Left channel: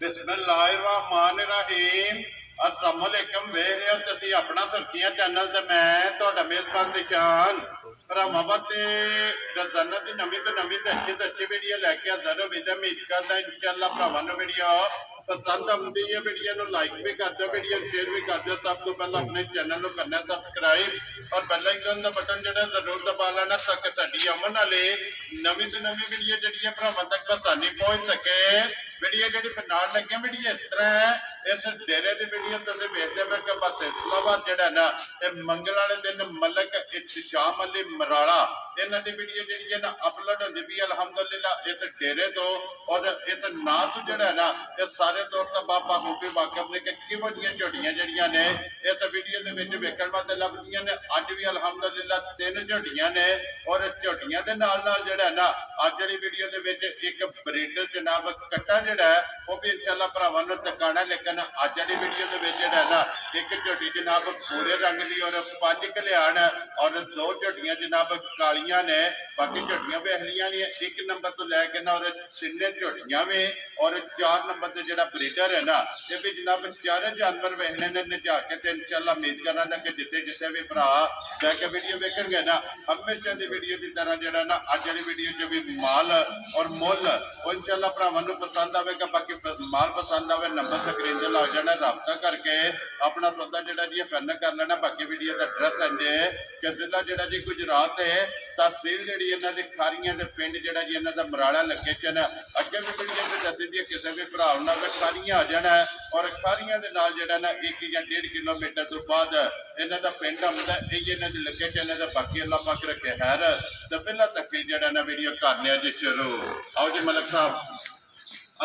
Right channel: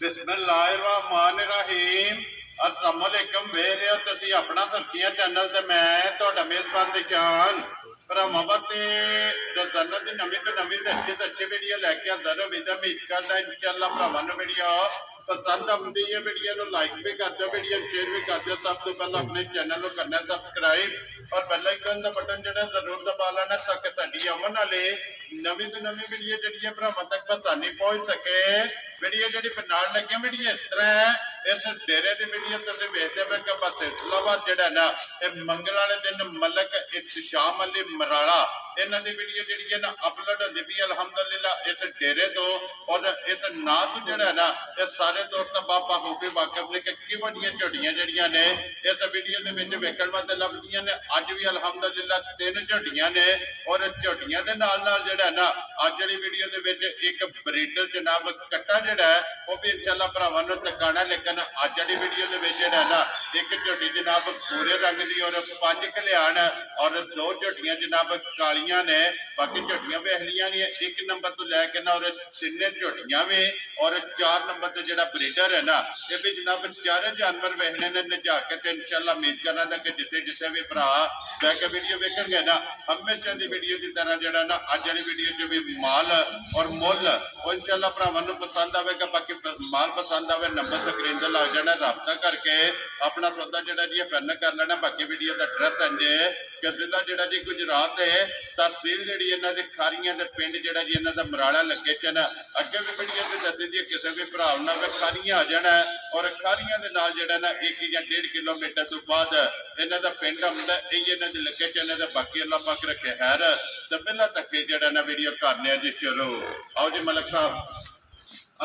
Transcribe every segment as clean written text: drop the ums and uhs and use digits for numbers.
बिस्मिल्लाहिर्रहमानिर्रहीम अस्सलाम वालेकुम वे रहे हो तुसी अपना सुर्खियां चैनल ते मैं तुहाडा मेजबान निशान भरावां ते रोजाना दी नवीं तो अच्छी वीडियो लैके हाज़र हो विदा उम्मीद करदा इंशाअल्लाह भरावां नूं वीडियो पसंद आउंदी है वीडियो नूं लाइक भी कर दो वीडियो शेयर भी कर दो सब तो पहले अपने चैनल नूं करना सबसक्राइब और बेल आइकन का बटन जो जरूर दबा लेना ताकि साडी आउण वाली नवीं तो नवीं वीडियो जी भरावां तक आसानी पहुंच सके वीडियो जी नाल लगी वीडियो इस तरह है इस डेरे की वीडियो तुम वेखते पे कि बस इस्लामाबाद जड़ा ना ये मंगल वाले दिन मलक इत्तिशाम अली मराड़ा इन्हों की वीडियो जी है ना अपलोड होती पी अलहमदुलिल्लाह इस डेरे तो और इस नां तो जड़ा ना ये सारे तौर पर बाबा खूबी वाकफ ने कि वड्डियां झोटियां जड़ियां ने इस वीडियो के वेखण वास्ते लभदियां ने अज भी अलहमदुलिल्लाह 3 झोटियां ने और झोटियां के नाल जड़ा ना अज जी वीडियो के एक ब्रीडर जनाब कट्टा जड़ा है वह भी इंशाअल्लाह भरावां नूं दिखाना लेकिन अज जी वीडियो के ना एक झोटी जनाब भूरे रंग की और 5 कल्याण और 2 झोटियां जनाब कालियां ने बाकी झोटियां भी अहलियां ने 1 नंबर तो लैके ना और 3 झोटियां भी और 4 नंबर से जो ब्रीडर है ना ये भी जनाब 4 जानवर वेखने ने नजा के इंशाअल्लाह उम्मीद करना कि जिथे जिथे भी भरा बैके वीडियो वेखणगे ना हमेशा की वीडियो की तरह जो ना अज वाली वीडियो जो भी माल और मुल वो इंशाअल्लाह भरावां नूं पसंद आएगा बाकी माल पसंद आए नंबर स्क्रीन से लग जाना रबता करके अपना सौदा जो जी फाइनल कर लेना बाकी वीडियो का एड्रैस इंजे कि जिला जो जी गुजरात है तहसील जी इन्हों की खारियां पिंड जो जी इन्हों का मराड़ा लोकेशन अगे भी वीडियो से दसी दी किसी भी भरा ना खारियां आ जाना और खारियां के नाल जो ना 1 या 1.5 किलोमीटर तो बाद इन्हों का पिंड आउंदा यही इन्हों की लोकेशन है बाकी अल्लाह पाक रखे खैर तो पहला तक जो ना वीडियो करने जी शुरू आओ जी मलिक साहब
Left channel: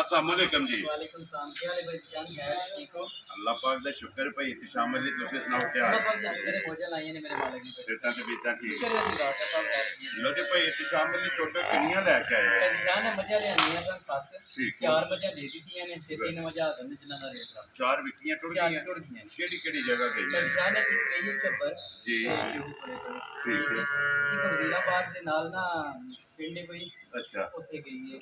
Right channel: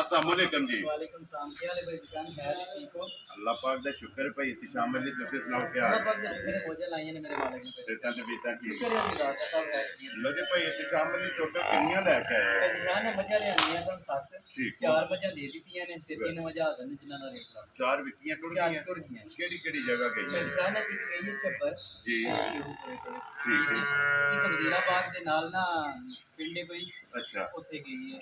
अस्सलाम वालेकुम जी वालेकुम सलाम क्या हाल है भाई जान खैर ठीक हो अल्लाह पाक दा शुक्र भाई इत्तिशाम अली तुसी सुनाओ क्या अल्लाह पाक ने मेरे मौजे लाए ने मेरे मालिक ने सेहतां ते बीता ठीक शुक्र है अल्लाह का सब खैर लो जी भाई इत्तिशाम अली टोटल कितनियां लेके आए भाई जान ने मजा ले आनी है सन 7 ठीक 4 मजा दे दीतियां ने ते 3 मजा आ गए जिन्ना दा रेट रहा 4 विकियां टुट गईयां केड़ी जगह गई भाई जान ने एक गई है चब्बर जी ठीक है एक वजीराबाद दे नाल ना पिंडे कोई अच्छा ਉੱਥੇ ਗਈ ਹੈ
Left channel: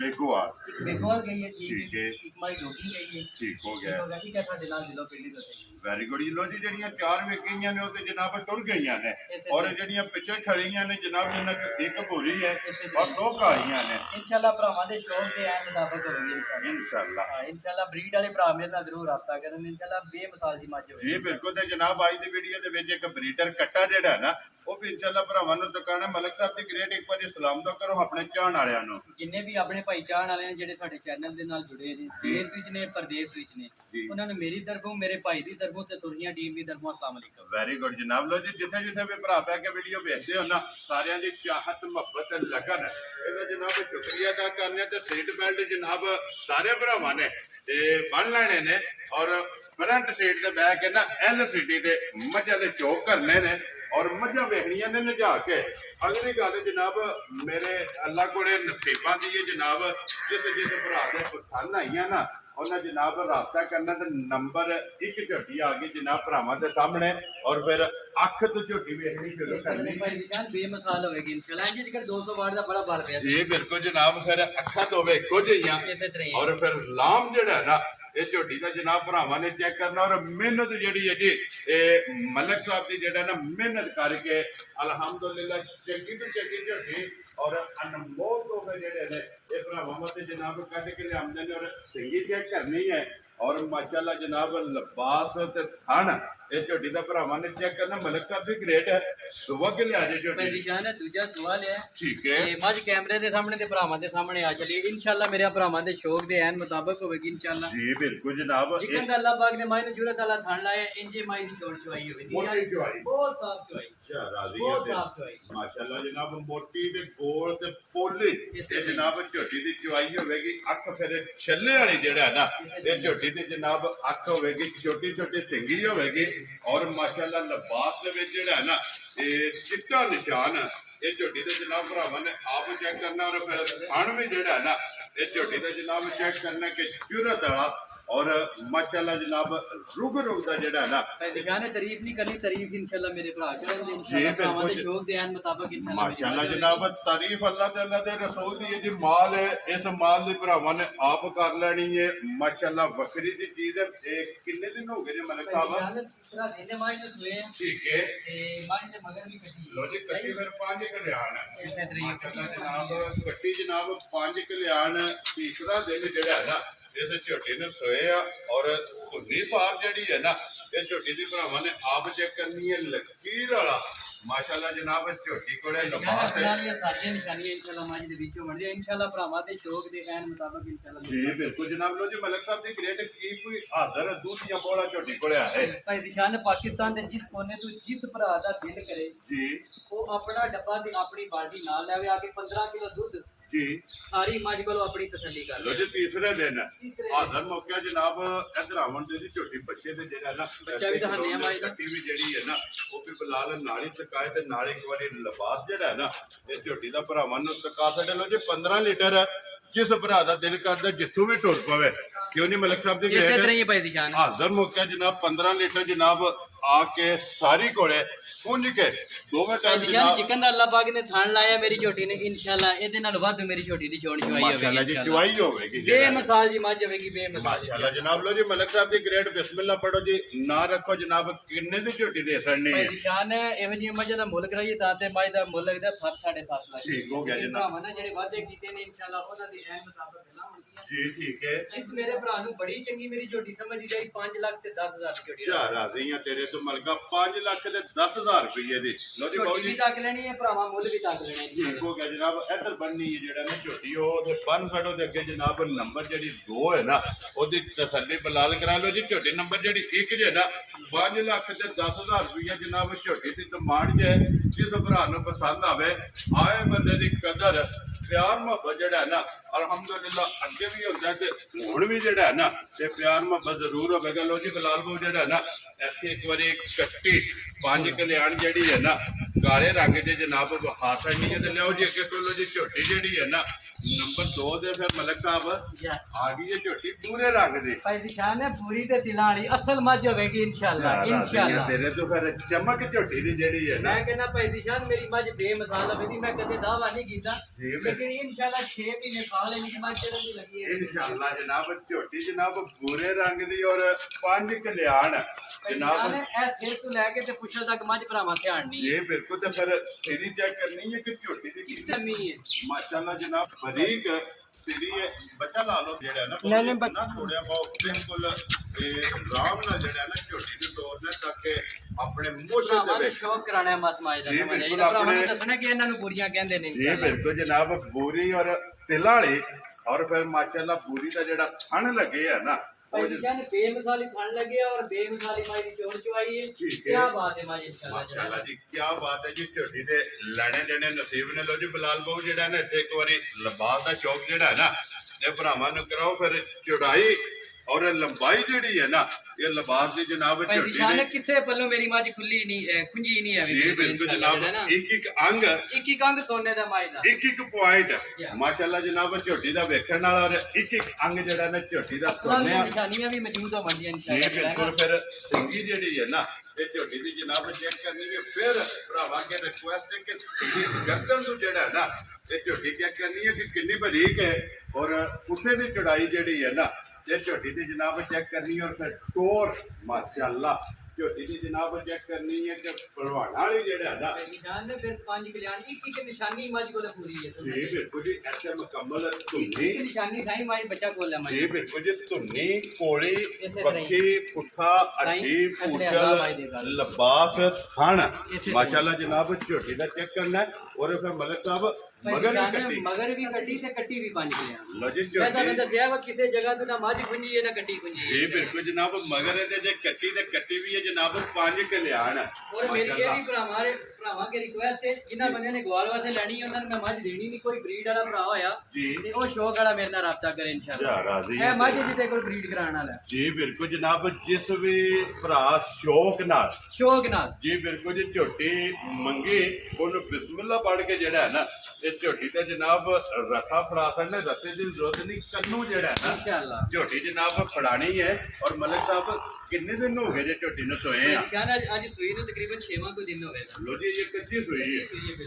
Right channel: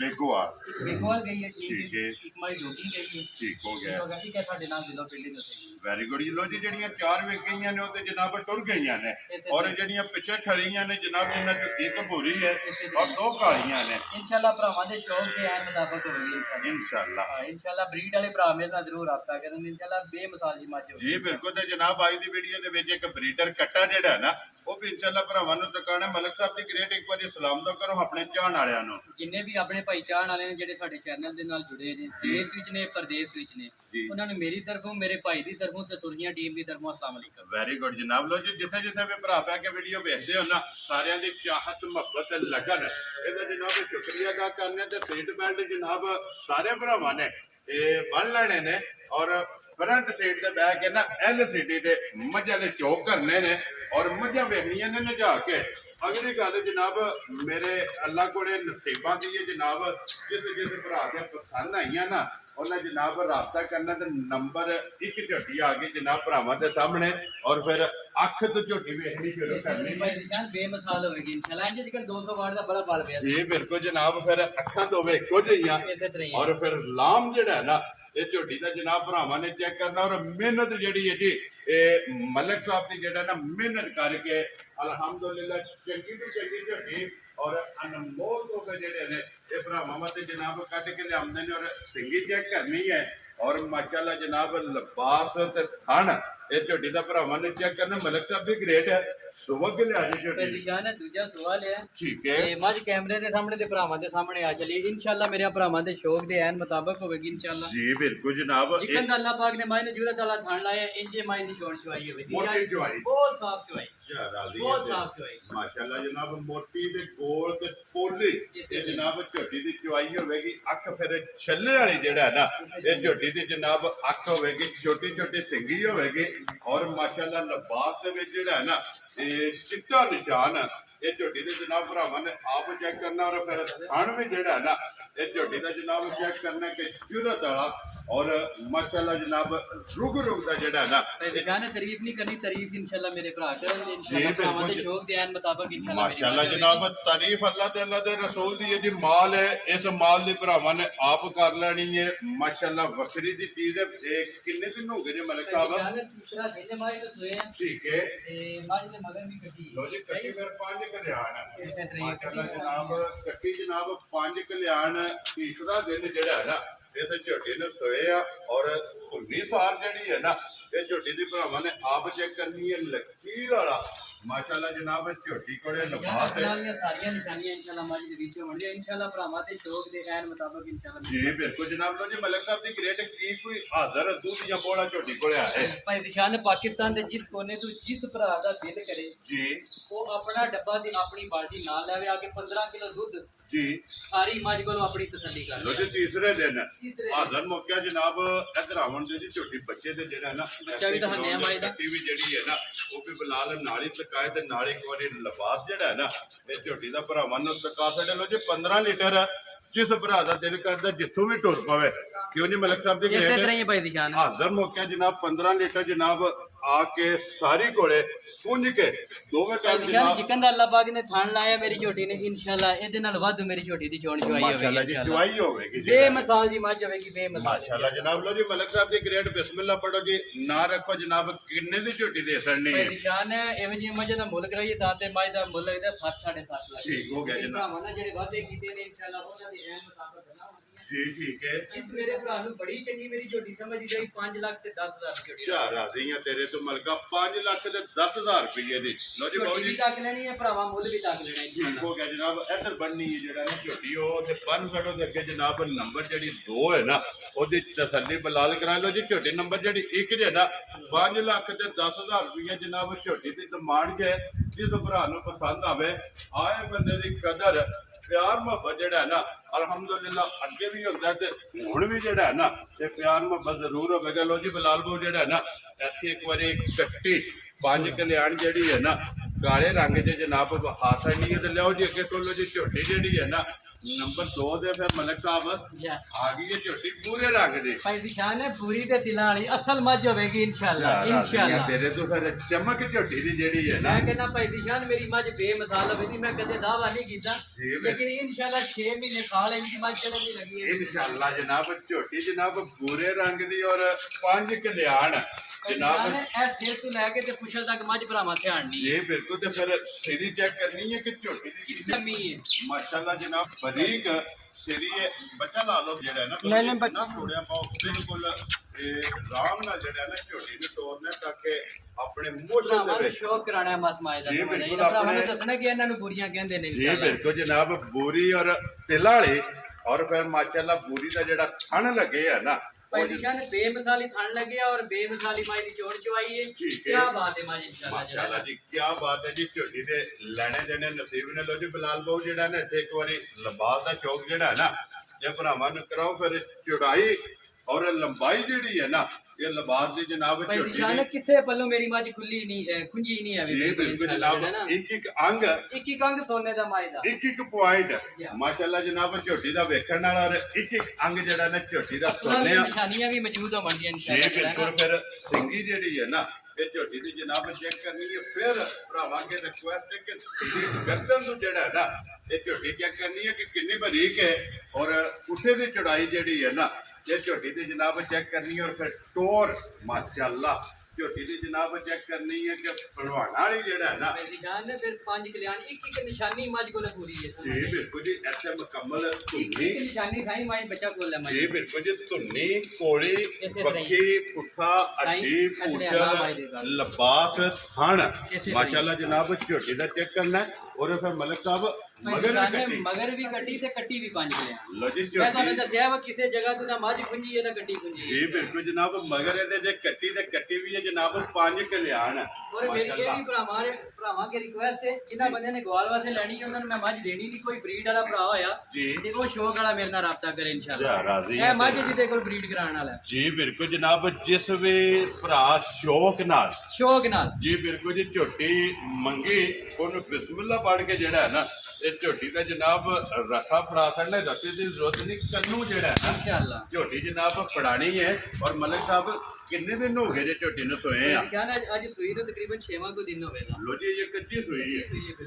ਬੇਗੋਵਾਲ बेगोवाल ਗਈ ਹੈ ठीक है ਇੱਕ ਮਾਈ ਡੋਗੀ ਗਈ ਹੈ ठीक हो गया ਠੀਕ ਹੈ ਸਾਡੇ ਨਾਲ ਜ਼ਿਲ੍ਹਾ ਪਿੰਡੇ ਦੇ ਉੱਤੇ ਗਈ ਵੈਰੀ ਗੁੱਡ ਲੋ ਜੀ ਜਿਹੜੀਆਂ 4 ਵਿਕੀਆਂ ਨੇ ਉਹ ਤੇ ਜਨਾਬ ਟੁਰ ਗਈਆਂ ਨੇ ਔਰ ਜਿਹੜੀਆਂ ਪਿੱਛੇ ਖੜੀਆਂ ਨੇ ਜਨਾਬ ਜਿਨ੍ਹਾਂ ਚ ਇੱਕ ਭੂਰੀ ਹੈ ਔਰ 2 ਕਾਲੀਆਂ ਨੇ ਇਨਸ਼ਾਅੱਲਾ ਭਰਾਵਾਂ ਦੇ ਸ਼ੌਕ ਦੇ ਐਨ ਮੁਤਾਬਕ ਹੋਵੇਗੀ इंशाअल्लाह ਹਾਂ ਇਨਸ਼ਾਅੱਲਾ ਬਰੀਡ ਵਾਲੇ ਭਰਾ ਮੇਰੇ ਨਾਲ ਜ਼ਰੂਰ ਰਾਬਤਾ ਕਰਨ ਇਨਸ਼ਾਅੱਲਾ ਬੇਮਿਸਾਲ ਜੀ ਮੱਝ ਹੋਵੇਗੀ ਜੀ ਬਿਲਕੁਲ ਤੇ ਜਨਾਬ ਅੱਜ ਦੀ ਵੀਡੀਓ ਦੇ ਵਿੱਚ ਇੱਕ ਬਰੀਡਰ ਕੱਟਾ ਜਿਹੜਾ ਨਾ ਉਹ ਵੀ ਇੰਸ਼ਾਅੱਲਾ ਭਰਾਵਾਂ ਨੂੰ ਦੁਕਾਨਾ ਮਲਕ ਸਾਹਿਬ ਦੀ ਗ੍ਰੇਟ ਇੱਕ ਵਾਰੀ ਸਲਾਮ ਦੋ ਕਰੋ ਆਪਣੇ ਚਾਹਣ ਵਾਲਿਆਂ ਨੂੰ ਜਿੰਨੇ ਵੀ ਆਪਣੇ ਭਾਈ ਚਾਹਣ ਵਾਲੇ ਨੇ ਜਿਹੜੇ ਸਾਡੇ ਚੈਨਲ ਦੇ ਨਾਲ ਜੁੜੇ ਨੇ ਦੇਸ਼ ਵਿੱਚ ਨੇ ਪਰਦੇਸ ਵਿੱਚ ਨੇ ਉਹਨਾਂ ਨੂੰ ਮੇਰੀ ਤਰਫੋਂ ਮੇਰੇ ਭਾਈ ਦੀ ਤਰਫੋਂ ਤੇ ਸੁਰਖੀਆਂ ਟੀਮ ਦੀ ਤਰਫੋਂ अस्सलाम वालेकुम ਵੈਰੀ ਗੁੱਡ ਜਨਾਬ ਲੋ ਜੀ ਜਿੱਥੇ ਜਿੱਥੇ ਵੀ ਭਰਾ ਪੈ ਕੇ ਵੀਡੀਓ ਵੇਖਦੇ ਹੋ ਨਾ ਸਾਰਿਆਂ ਦੀ ਚਾਹਤ ਮੁਹੱਬਤ ਲਗਨ ਇਹਦਾ ਜਨਾਬ ਸ਼ੁਕਰੀਆ ਅਦਾ ਕਰਨੇ ਤੇ ਸੀਟ ਬੈਲਟ ਜਨਾਬ ਸਾਰੇ ਭਰਾਵਾਂ ਨੇ ਇਹ ਬੰਨ ਲੈਣੇ ਨੇ ਔਰ ਫਰੰਟ ਸੀਟ ਤੇ ਬਹਿ ਕੇ ਨਾ ਐਲ ਸਿਟੀ ਤੇ ਮੱਝਾਂ ਦੇ ਚੌਕ ਕਰਨੇ ਨੇ और मझा वेखनिया ने नजा के अगली गल जनाब मेरे अल्लाह को नसीबा की जनाब जिस जिस भरा के पसंद आई ना उन्हें जनाब राबता करना तो नंबर 1 झोटी आ गई जनाब भरावां के सामने और फिर अख तो झोटी वेखनी शुरू करनी बेमिसाल होगी इंशाल्लाह जी जेकर 200 वाट दा बड़ा बल पिया जी बिल्कुल जनाब फिर अखा तो वे कुछ ही और फिर लाम जड़ा ना इस झोटी का जनाब भरावां ने चेक करना और मेहनत जी है जी मलक साहब की जरा ना मेहनत करके अलहमदुलिल्लाह चंगी तो चंगी झोटी और अनमोल तो जोड़े ने ये भरावां वास्ते जनाब कट के लियाते हैं और सिंगी चेक करनी है और माशाल्लाह जनाब लिबास ते थन इस झोटी का भरावां ने चेक करना मलक साहब की ग्रेट है सुबह के लिया जी झोटी निशान है दूजा सवाल है ठीक है मझ कैमरे के सामने ते भरावां दे सामने आ चली इंशाल्लाह मेरे भरावां दे शौक दे ऐन मुताबिक होगी इंशाल्लाह जी बिल्कुल जनाब जिकन दा अल्लाह पाक ने माई ने जुरत वाला थान लाया इंजे माई दी चोण चवाई होगी मोटी चवाई बहुत साफ चवाई बहुत साफ चवाई माशाल्लाह जनाब मोटी ते गोल ते पोली ये जनाब झोटी दी चवाई होगी अख फिर छल्ले वाली जेड़ा ना ये झोटी दी जनाब अख होगी छोटी छोटी सिंगी होगी और माशाल्लाह लिबास दे विच जेड़ा ना ये चिट्टा निशान ये झोटी दे जनाब भरावां ने आप चेक करना और फिर थान में जेड़ा ना ये झोटी दा जनाब चेक करना कि जुरत वाला ਔਰ ਮਾਸ਼ਾਅੱਲਾ ਜਨਾਬ ਰੁਗ ਦਾ ਜਿਹੜਾ ਹੈ ਨਾ ਨੇ ਤਾਰੀਫ ਨਹੀਂ ਕਰਨੀ, ਤਾਰੀਫ ਇਨਸ਼ਾਅੱਲਾ ਮੇਰੇ ਭਰਾ ਕਰਨਗੇ ਜੀ, ਇਨਸ਼ਾਅੱਲਾ ਬਿਲਕੁਲ ਦੇ ਜੀ। ਸ਼ੌਕ ਦੇ ਐਨ ਮੁਤਾਬਕ ਇਨਸ਼ਾਅੱਲਾ ਮਾਸ਼ਾਅੱਲਾ ਜਨਾਬ ਤਾਰੀਫ ਅੱਲਾਹ ਤੇ ਅੱਲਾਹ ਦੇ ਰਸੂਲ ਦੀ ਹੈ ਜੀ। ਮਾਲ ਹੈ, ਇਸ ਮਾਲ ਦੀ ਭਰਾਵਾਂ ਨੇ ਆਪ ਕਰ ਲੈਣੀ ਹੈ। ਮਾਸ਼ਾਅੱਲਾ ਵੱਖਰੀ ਦੀ ਚੀਜ਼ ਹੈ। ਇਹ ਕਿੰਨੇ ਦਿਨ ਹੋ ਗਏ ਜੀ ਮਲਕ ਸਾਹਿਬ? ਤੀਸਰਾ ਦਿਨ ਹੈ ਮਾਈ ਦੇ ਸੋਏ ਆ ਠੀਕ ਹੈ, ਤੇ ਮਾਈ ਦੇ ਮਗਰ ਵੀ ਕੱਟੀ ਲੋ ਜੀ ਕੱਟੀ ਫਿਰ 5 ਕਲਿਆਣ ਹੈ। ਇਸੇ ਤਰੀਕੇ ਮਾਸ਼ਾਅੱਲਾ ਜਨਾਬ ਕੱਟੀ ਜਨਾਬ 5 ਕਲਿਆਣ ਤੀਸਰਾ ਦਿਨ ਜਿਹੜਾ ਹੈ ਨਾ ਇਸ ਝੋਟੀ ਨੂੰ ਸੋਏ ਆ। ਔਰ ਧੁੰਨੀ ਸਾਰ ਜਿਹੜੀ ਹੈ ਨਾ ਇਹ ਝੋਟੀ ਦੀ ਭਰਾਵਾਂ ਨੇ ਆਪ ਚੈੱਕ ਕਰਨੀ ਹੈ। ਲਕੀਰ ਵਾਲਾ ਮਾਸ਼ਾਅੱਲਾ ਜਨਾਬ ਝੋਟੀ ਕੋਲੇ ਲਫਾਫ ਹੈ ਵਾਲੀਆਂ ਸਾਰੀਆਂ ਨਿਸ਼ਾਨੀਆਂ ਇਨਸ਼ਾਅੱਲਾ ਮਾਈ ਦੇ ਵਿੱਚੋਂ ਬਣਦੀਆਂ ਇਨਸ਼ਾਅੱਲਾ ਭਰਾਵਾਂ ਦੇ ਸ਼ੌਕ ਦੇ ਐਨ ਮੁਤਾਬਕ ਇਨਸ਼ਾਅੱਲਾ ਜੀ ਬਿਲਕੁਲ ਜਨਾਬ। ਲੋ ਜੀ ਮਲਕ ਸਾਹਿਬ ਦੀ ਗ੍ਰੇਟ ਕੀ ਕੋਈ ਹਾਜ਼ਰ ਦੁੱਧ ਜਾਂ ਬੋਲਾ ਝੋਟੀ ਕੋਲੇ ਆਏ ਭਾਈ ਰਿਸ਼ਾਨ ਪਾਕਿਸਤਾਨ ਦੇ ਜਿਸ ਕੋਨੇ ਤੋਂ ਜਿਸ ਭਰਾ ਦਾ ਦਿਲ ਕਰੇ ਜੀ ਉਹ ਆਪਣਾ ਡੱਬਾ ਤੇ ਆਪਣੀ ਬਾਲਟੀ ਨਾਲ ਲੈਵੇ ਆ ਕੇ 15 ਕਿਲੋ ਦੁੱਧ ਜੀ। ਸਾਰੀ ਮੱਝ ਕੋਲੋਂ ਆਪਣੀ ਤਸੱਲੀ ਕਰ ਲੋ ਲਵੇ। ਜੀ ਤੀਸਰੇ ਦਿਨ ਤੀਸਰੇ ਦਿਨ। ਹਾਜ਼ਰ ਮੌਕਿਆ ਜਨਾਬ ਇਧਰ ਆਵਣ ਦੇ ਜੀ ਝੋਟੀ ਬੱਚੇ ਦੇ ਜਿਹੜਾ ਨਾ ਬੱਚਾ ਵੀ ਦਿਖਾਉਂਦੇ ਆ ਮਾਈ ਦਾ। ਕੱਟੀ ਵੀ ਜਿਹੜੀ ਹੈ ਨਾ ਉਹ ਵੀ ਬਲਾਲ ਨਾਲ ਹੀ ਚਕਾਏ ਤੇ ਨਾਲ ਇੱਕ ਵਾਰੀ ਲਿਬਾਸ ਜਿਹੜਾ ਹੈ ਨਾ ਇਹ ਝੋਟੀ ਦਾ ਭਰਾਵਾਂ ਨੂੰ ਚਕਾ ਛੱਡੇ। ਲੋ ਜੀ 15 ਲੀਟਰ ਹੈ। ਜਿਸ ਭਰਾ ਦਾ ਦਿਲ ਕਰਦਾ ਜਿੱਥੋਂ ਵੀ ਟੁਰ ਪਵੇ ਕਿਉਂ ਨਹੀਂ ਮਲਕ ਸਾਹਿਬ ਦੀ ਇਸੇ ਗ੍ਰੇਟ ਤਰ੍ਹਾਂ ਹੀ ਹੈ ਭਾਈ ਰਿਸ਼ਾਨ ਹਾਜ਼ਰ ਮੌਕਿਆ ਜਨਾਬ 15 ਲੀਟਰ ਜਨਾਬ ਆ ਕੇ ਸਾਰੀ ਕੋਲੇ ਪੁੰਜ ਕੇ ਦੋਵੇਂ ਭਾਈ ਟਾਈਮ ਰਿਸ਼ਾਨ ਜਨਾਬ ਜਿਕਨ ਦਾ ਅੱਲਾਹ ਪਾਕ ਨੇ ਥਾਣ ਲਾਇਆ ਮੇਰੀ ਝੋਟੀ ਨੇ ਇਨਸ਼ਾਅੱਲਾ ਇਹਦੇ ਨਾਲ ਵੱਧ ਮੇਰੀ ਝੋਟੀ ਦੀ ਚੋਣ ਚੁਆਈ ਮਾਸ਼ਾਅੱਲਾ ਜੀ ਹੋਵੇਗੀ ਚੁਆਈ ਹੋਵੇਗੀ ਜੀ। ਬੇਮਿਸਾਲ ਜੀ ਮੱਝ ਹੋਵੇਗੀ ਬੇਮਿਸਾਲ ਮਾਸ਼ਾਅੱਲਾ ਜਨਾਬ। ਲੋ ਜੀ ਮਲਕ ਸਾਹਿਬ ਦੀ ਗ੍ਰੇਟ ਬਿਸਮਿਲ੍ਲਾ ਪੜੋ ਜੀ। ਨਾ ਰੱਖੋ ਜਨਾਬ ਕਿੰਨੇ ਦੀ ਝੋਟੀ ਦੇ ਸੜਨੀ ਭਾਈ ਹੈ। ਰਿਸ਼ਾਨ ਇਹੋ ਜਿਹੀ ਮੱਝ ਦਾ ਮੁੱਲ ਕਰਾਈਏ ਤਾਂ ਤੇ ਮੱਝ ਦਾ ਮੁੱਲ ਲੱਗਦਾ 7.5 ਲੱਖ ਠੀਕ ਹੋ ਗਿਆ ਜਨਾਬ। ਭਰਾਵਾਂ ਜਿਹੜੇ ਵਾਅਦੇ ਕੀਤੇ ਨੇ ਇਨਸ਼ਾਅੱਲਾ ਉਹਨਾਂ ਦੇ ਐਨ ਮੁਤਾਬਕ ਨਾ ਹੋਣਗੀਆਂ। ਜੀ ਠੀਕ ਹੈ। ਇਸ ਮੇਰੇ ਭਰਾ ਨੂੰ ਬੜੀ ਚੰਗੀ ਮੇਰੀ ਝੋਟੀ ਸਮਝੀ ਗਈ 5 ਲੱਖ ਤੇ 10,000 ਦੀ ਝੋਟੀ ਜਾ ਰਾਜ਼ੀ ਆ ਤੇਰੇ ਤੋਂ ਮਲਕਾ 5 ਲੱਖ ਤੇ 10,000 ਰੁਪਏ ਦੀ। ਲੋ ਜੀ ਬਾਊ ਝੋਟੀ ਵੀ ਜੀ ਟੱਕ ਲੈਣੀ ਹੈ ਭਰਾਵਾਂ ਮੁੱਲ ਵੀ ਟੱਕ ਲੈਣਾ ਠੀਕ ਹੈ ਹੋ ਗਿਆ ਜਨਾਬ। ਇੱਧਰ ਬੰਨੀ ਹੈ ਜਿਹੜਾ ਨਾ ਝੋਟੀ ਉਹ ਤੇ ਬੰਨ ਫੜੋ ਦੇ ਅੱਗੇ ਜਨਾਬ ਨੰਬਰ ਜਿਹੜੀ 2 ਹੈ ਨਾ ਉਹਦੀ ਤਸੱਲੀ ਬਲਾਲ ਕਰਾ ਲਓ ਜੀ। ਝੋਟੀ ਨੰਬਰ ਜਿਹੜੀ 1 ਜੇ ਨਾ 5 ਲੱਖ ਤੇ 10,000 ਰੁਪਏ ਜਨਾਬ ਝੋਟੀ ਦੀ ਡਿਮਾਂਡ ਜੇ। ਜਿਸ ਭਰਾ ਨੂੰ ਪਸੰਦ ਆਵੇ ਆਏ ਬੰਦੇ ਦੀ ਕਦਰ ਪਿਆਰ ਮੁਹੱਬਤ ਜਿਹੜਾ ਹੈ ਨਾ ਅਲਹਮਦੁਲਿਲਾ ਅੱਗੇ ਵੀ ਹੁੰਦਾ ਤੇ ਹੁਣ ਵੀ ਜਿਹੜਾ ਹੈ ਨਾ ਇਹ ਪਿਆਰ ਮੁਹੱਬਤ ਜ਼ਰੂਰ ਹੋਵੇਗਾ। ਲੋ ਜੀ ਬਲਾਲ ਬਾਊ ਜਿਹੜਾ ਹੈ ਨਾ ਇੱਥੇ ਇੱਕ ਵਾਰੀ ਕੱਟੀ 5 ਕਲਿਆਣ ਜਿਹੜੀ ਹੈ ਨਾ ਕਾਲੇ ਰੰਗ ਦੇ ਜਨਾਬ ਹਾਥ ਨਹੀਂ ਹੈ ਤੇ ਲਿਆਓ ਜੀ ਅੱਗੇ ਕੋਲੋ ਜੀ ਝੋਟੀ ਜਿਹੜੀ ਹੈ ਨਾ ਨੰਬਰ 2 ਦੇ ਫਿਰ ਮਲਕ ਸਾਹਿਬ ਆ ਗਈ ਹੈ ਝੋਟੀ ਪੂਰੇ ਰੰਗ ਦੀ। ਭਾਈ ਦੀ ਸ਼ਾਨ ਹੈ ਪੂਰੀ ਤੇ ਤਿਲਾਂ ਵਾਲੀ ਅਸਲ ਮੱਝ ਹੋਵੇਗੀ ਇਨਸ਼ਾਅੱਲਾ ਇਨਸ਼ਾਅੱਲਾ। ਤੇਰੇ ਤੋਂ ਫਿਰ ਚਮਕ ਝੋਟੀ ਦੀ ਜਿਹੜੀ ਹੈ ਨਾ ਮੈਂ ਕਹਿੰਦਾ ਭਾਈ ਦੀ ਸ਼ਾਨ ਮੇਰੀ ਮੱਝ ਬੇਮਿਸਾਲ ਹੋਵੇਗੀ। ਮੈਂ ਕਦੇ ਦਾਵਾ ਨਹੀਂ ਕੀਤਾ ਜੀ, ਲੇਕਿਨ ਇਨਸ਼ਾਅੱਲਾ 6 ਮਹੀਨੇ ਖਾ ਲੈਣੀ ਦੀ ਮੱਝ ਚੜਨ ਦੀ ਲੱਗੀ ਹੈ ਇਨਸ਼ਾਅੱਲਾ ਜਨਾਬ। ਝੋਟੀ ਜਨਾਬ ਪੂਰੇ ਰੰਗ ਦੀ ਔਰ 5 ਕਲਿਆਣ ਜਨਾਬ ਜਨਾਬ। ਇਹ ਸਿਰ ਤੋਂ ਲੈ ਕੇ ਤੇ ਪੁੱਛਲ ਤੱਕ ਮੱਝ ਭਰਾਵਾਂ ਧਿਆਨ ਨਹੀਂ ਇਹ ਬਿਲਕੁਲ ਤੇ ਫਿਰ ਸੀਰੀ ਚੈੱਕ ਕਰਨੀ ਹੈ ਕਿ ਝੋਟੀ ਦੀ ਕਿੰਨੀ ਮੀ ਹੈ ਮਾਸ਼ਾਅੱਲਾ ਜਨਾਬ ਬਰੀਕ ਸੀਰੀ ਹੈ। ਬੱਚਾ ਲਾ ਲਓ ਜਿਹੜਾ ਹੈ ਨਾ ਨਾ ਥੋੜਿਆ ਬਹੁਤ ਬਿਲਕੁਲ ਆਰਾਮ ਨਾਲ ਜਿਹੜਾ ਹੈ ਨਾ ਝੋਟੀ ਨੂੰ ਤੋੜਨਾ ਤਾਂ ਕਿ ਆਪਣੇ ਮੋਢੇ ਭਰਾਵਾਂ ਦੇ ਨੂੰ ਵਿੱਚ ਸ਼ੌਕ ਕਰਾਣਾ ਹੈ ਮਸ ਮਾਜ ਦਾ ਜੀ, ਸਮਝ ਆਈ ਬਿਲਕੁਲ ਭਰਾਵਾਂ ਨੂੰ ਆਪਣੇ- ਦੱਸਣਾ ਕਿ ਇਹਨਾਂ ਨੂੰ ਬੁਰੀਆਂ ਕਹਿੰਦੇ ਨੇ ਜੀ ਇਨਸ਼ਾਅੱਲਾ। ਬਿਲਕੁਲ ਜਨਾਬ ਬੂਰੀ ਔਰ ਤਿਲਾਂ ਵਾਲੀ ਔਰ ਫਿਰ ਮਾਸ਼ਾਅੱਲਾ ਬੂਰੀ ਦਾ ਜਿਹੜਾ ਥਣ ਲੱਗੇ ਆ ਨਾ ਭਾਈ ਨਿਸ਼ਾਨ ਬੇਮਿਸਾਲੀ ਥਣ ਲੱਗਿਆ ਔਰ ਬੇਮਿਸਾਲੀ ਮਾਈ ਦੀ ਚੋਣ ਚਵਾਈ ਹੈ। ਠੀਕ ਹੈ। ਕੀ ਬਾਤ ਹੈ ਮਾਈ ਇਨਸ਼ਾਅੱਲਾ ਮਾਸ਼ਾਅੱਲਾ ਜੀ ਕੀ ਬਾਤ ਹੈ ਜੀ। ਝੋਟੀ ਦੇ ਲੈਣੇ ਦੇਣੇ ਨਸੀਬ ਨੇ। ਲੋ ਜੀ ਬਲਾਲ ਬਾਊ ਜਿਹੜਾ ਨਾ ਇੱਥੇ ਇੱਕ ਵਾਰੀ ਲਿਬਾਸ ਦਾ ਸ਼ੌਕ ਜਿਹੜਾ ਹੈ ਨਾ ਇਹ ਭਰਾਵਾਂ ਨੂੰ ਕਰਾਓ। ਫਿਰ ਚੌੜਾਈ ਔਰ ਲੰਬਾਈ ਜਿਹੜੀ ਹੈ ਨਾ ਇਹ ਲਿਬਾਸ ਦੀ ਜਨਾਬ ਭਾਈ ਝੋਟੀ ਨਿਸ਼ਾਨ ਦੀ ਕਿਸੇ ਪੱਲੋਂ ਮੇਰੀ ਮੱਝ ਖੁੱਲੀ ਨਹੀਂ ਖੁੰਜੀ ਨਹੀਂ ਆਵੇ ਜੀ ਬਿਲਕੁਲ ਜਨਾਬ। ਇੱਕ ਇੱਕ ਅੰਗ ਇੱਕ ਇੱਕ ਅੰਗ ਸੋਨੇ ਦਾ ਮਾਈ ਦਾ ਇੱਕ ਇੱਕ ਪੁਆਇੰਟ ਮਾਸ਼ਾਅੱਲਾ ਜਨਾਬ ਝੋਟੀ ਦਾ ਵੇਖਣ ਨਾਲ ਔਰ ਇੱਕ ਇੱਕ ਅੰਗ ਜਿਹੜਾ ਨਾ ਝੋਟੀ ਦਾ ਸੋਨੇ ਆ ਨਿਸ਼ਾਨੀਆਂ ਵੀ ਮੌਜੂਦ ਹੋਣਗੀਆਂ ਜੀ ਇਨਸ਼ਾਅੱਲਾ ਬਿਲਕੁਲ। ਫਿਰ ਸਿੰਗੀ ਜਿਹੜੀ ਹੈ ਨਾ ਇਹ ਝੋਟੀ ਦੀ ਜਨਾਬ ਚੈੱਕ ਕਰਨੀ ਹੈ। ਫਿਰ ਭਰਾਵਾਂ ਕੇ ਰਿਕੁਐਸਟ ਹੈ ਕਿ ਸਿੰਗੀ ਗਰਦਨ ਨੂੰ ਜਿਹੜਾ ਹੈ ਨਾ ਇਹ ਝੋਟੀ ਚੈੱਕ ਕਰਨੀ ਹੈ ਕਿ ਕਿੰਨੀ ਬਰੀਕ ਹੈ ਔਰ ਪੁੱਠੇ ਦੀ ਚੜਾਈ ਜਿਹੜੀ ਹੈ ਨਾ ਇਹ ਝੋਟੀ ਦੀ ਜਨਾਬ ਚੈੱਕ ਕਰਨੀ ਹੈ। ਔਰ ਫਿਰ ਟੋਰ ਮਾਸ਼ਾਅੱਲਾ ਝੋਟੀ ਦੀ ਜਨਾਬ ਚੈੱਕ ਕਰਨੀ ਹੈ ਕਿ ਪਹਿਲਵਾਨਾਂ ਵਾਲੀ ਜਿਹੜਾ ਹੈ ਨਾ ਭਾਈ ਨਿਸ਼ਾਨ ਨੇ ਫਿਰ 5 ਕਲਿਆਣ ਇੱਕ ਇੱਕ ਨਿਸ਼ਾਨੀ ਮੱਝ ਕੋਲ ਪੂਰੀ ਹੈ ਜੀ ਬਿਲਕੁਲ ਜੀ ਐਸੇ ਮੁਕੰਮਲ ਧੁੰਨੀ ਇੱਕ ਨਿਸ਼ਾਨੀ ਸਾਈ ਮਾਈ ਬੱਚਾ ਕੋਲ ਹੈ ਮਾਈ ਜੀ ਬਿਲਕੁਲ ਜੀ ਧੁੰਨੀ ਕੋਲੀ ਤਰ੍ਹਾਂ ਹੀ। ਪੱਖੀ ਪੁੱਠਾ ਅੱਡੀ ਇਸੇ ਤਰ੍ਹਾਂ ਅੱਲਾ ਭਾਈ ਦੇਗਾ। ਪੂਚਲ ਲਬਾਸ ਥਣ ਇਸੇ ਮਾਸ਼ਾਅੱਲਾ ਜਨਾਬ ਝੋਟੀ ਦਾ ਚੈੱਕ ਕਰਨਾ ਹੈ। ਔਰ ਫਿਰ ਮਲਕ ਸਾਹਿਬ ਮਗਰ ਵੀ ਕੱਟੀ ਮਗਰ ਵੀ ਕੱਟੀ ਤੇ ਕੱਟੀ ਵੀ 5 ਕਲਿਆਣ ਲੋ ਜੀ ਮੈਂ ਤੁਹਾਨੂੰ ਝੋਟੀ ਦੱਸਿਆ ਵਾ ਕਿਸੇ ਜਗ੍ਹਾ ਤੋਂ ਨਾ ਮੱਝ ਖੁੰਜੀ ਹੈ ਨਾ ਕੱਟੀ ਖੁੰਜੀ ਜੀ ਹੈ ਬਿਲਕੁਲ ਜਨਾਬ। ਮਗਰ ਇਹਦੇ ਜੇ ਕੱਟੀ ਤੇ ਕੱਟੀ ਵੀ ਹੈ ਜਨਾਬ 5 ਕਲਿਆਣ ਔਰ ਮੇਰੀ ਇਹ ਵੀ ਭਰਾਵਾਂ ਕੇ ਰਿਕੁਐਸਟ ਹੈ ਜਿਨ੍ਹਾਂ ਬੰਦਿਆਂ ਨੇ ਗਵਾਲ ਵਾਸਤੇ ਲੈਣੀ ਹੈ ਉਹਨਾਂ ਨੂੰ ਮੈਂ ਮੱਝ ਦੇਣੀ ਨਹੀਂ। ਕੋਈ ਬਰੀਡ ਵਾਲਾ ਭਰਾ ਹੋਇਆ ਜੀ ਤੇ ਉਹ ਸ਼ੌਕ ਵਾਲਾ ਮੇਰੇ ਨਾਲ ਰਾਬਤਾ ਕਰੇ ਜਾ ਇਨਸ਼ਾਅੱਲਾ। ਰਾਜ਼ੀ ਇਹ ਮੱਝ ਜਿਹਦੇ ਕੋਲ ਬਰੀਡ ਕਰਾਉਣ ਵਾਲਾ ਜੀ ਬਿਲਕੁਲ ਜਨਾਬ। ਜਿਸ ਵੀ ਭਰਾ ਸ਼ੌਕ ਨਾਲ ਸ਼ੌਕ ਨਾਲ ਜੀ ਬਿਲਕੁਲ ਜੀ ਝੋਟੀ ਮੰਗੀ ਉਹਨੂੰ ਬਿਸਮਿਲ੍ਲਾ ਪੜ੍ਹ ਕੇ ਜਿਹੜਾ ਹੈ ਨਾ ਤੇ ਝੋਟੀ ਦਾ ਜਨਾਬ ਰਸਾ ਫੜਾ ਸਕਦਾ, ਰਸੇ ਦੀ ਜ਼ਰੂਰਤ ਨਹੀਂ, ਕੰਨੂ ਜਿਹੜਾ ਹੈ ਨਾ इंशाल्लाह ਝੋਟੀ ਜਨਾਬ ਫੜਾਣੀ ਹੈ। ਔਰ ਮਲਿਕ ਸਾਹਿਬ ਕਿੰਨੇ ਦਿਨ ਹੋ ਗਏ ਜੇ ਝੋਟੀ ਨੂੰ ਸੋਏ ਆ? आज सुई ਨੂੰ ਤਕਰੀਬਨ 6ਵਾਂ ਕੋ ਦਿਨ ਹੋਵੇਗਾ। ਲੋ ਜੀ ਇਹ ਕੱਚੀ ਸੋਈ ਹੈ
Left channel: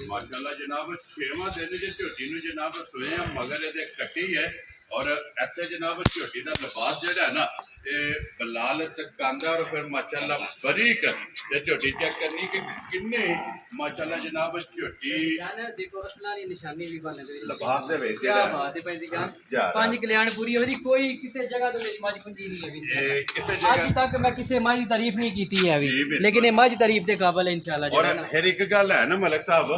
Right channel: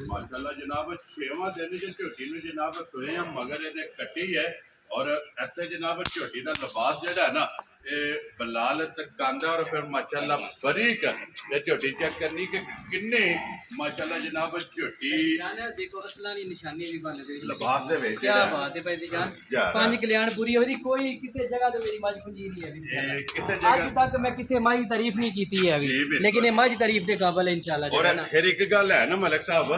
ਮਾਸ਼ਾਅੱਲਾ ਜਨਾਬ, 6ਵਾਂ ਦਿਨ ਜੇ ਝੋਟੀ ਨੂੰ ਜਨਾਬ ਸੋਏ ਆ, ਮਗਰ ਇਹਦੇ ਕੱਟੀ ਹੈ। ਔਰ ਇੱਥੇ ਜਨਾਬ ਝੋਟੀ ਦਾ ਲਿਬਾਸ ਜਿਹੜਾ ਹੈ ਨਾ ਇਹ ਬਲਾਲ ਤੇ ਕਾਂਦਾ ਔਰ ਫਿਰ ਮਾਸ਼ਾਅੱਲਾ ਬਰੀਕ ਇਹ ਝੋਟੀ ਚੈੱਕ ਕਰਨੀ ਕਿ ਕਿੰਨੇ ਮਾਸ਼ਾਅੱਲਾ ਜਨਾਬ ਝੋਟੀ ਜਾਨ ਦੇਖੋ ਅਸਲਾਂ ਦੀ ਨਿਸ਼ਾਨੀ ਵੀ ਬਣ ਗਈ ਲਿਬਾਸ ਦੇ ਵਿੱਚ ਕੀ ਬਾਤ ਹੈ ਭਾਈ ਦੀ ਜਾਨ। ਜਾ। 5 ਕਲਿਆਣ ਪੂਰੀ ਹੋ ਜੀ, ਕੋਈ ਕਿਸੇ ਜਗ੍ਹਾ ਤੋਂ ਮੇਰੀ ਮੱਝ ਖੁੰਜੀ ਨਹੀਂ ਹੈ ਵੀ। ਇਹ ਕਿਸੇ ਅੱਜ ਜਗ੍ਹਾ ਤੱਕ ਮੈਂ ਕਿਸੇ ਮੱਝ ਦੀ ਤਾਰੀਫ ਨਹੀਂ ਕੀਤੀ ਹੈ ਜੀ, ਵੀ, ਬਿਲਕੁਲ। ਲੇਕਿਨ ਇਹ ਮੱਝ ਤਾਰੀਫ ਦੇ ਕਾਬਲ ਹੈ ਇਨਸ਼ਾਅੱਲਾ ਔਰ ਜਿਹੜਾ ਨਾ। ਫਿਰ ਇੱਕ ਗੱਲ ਹੈ ਨਾ ਮਲਕ ਸਾਹਿਬ,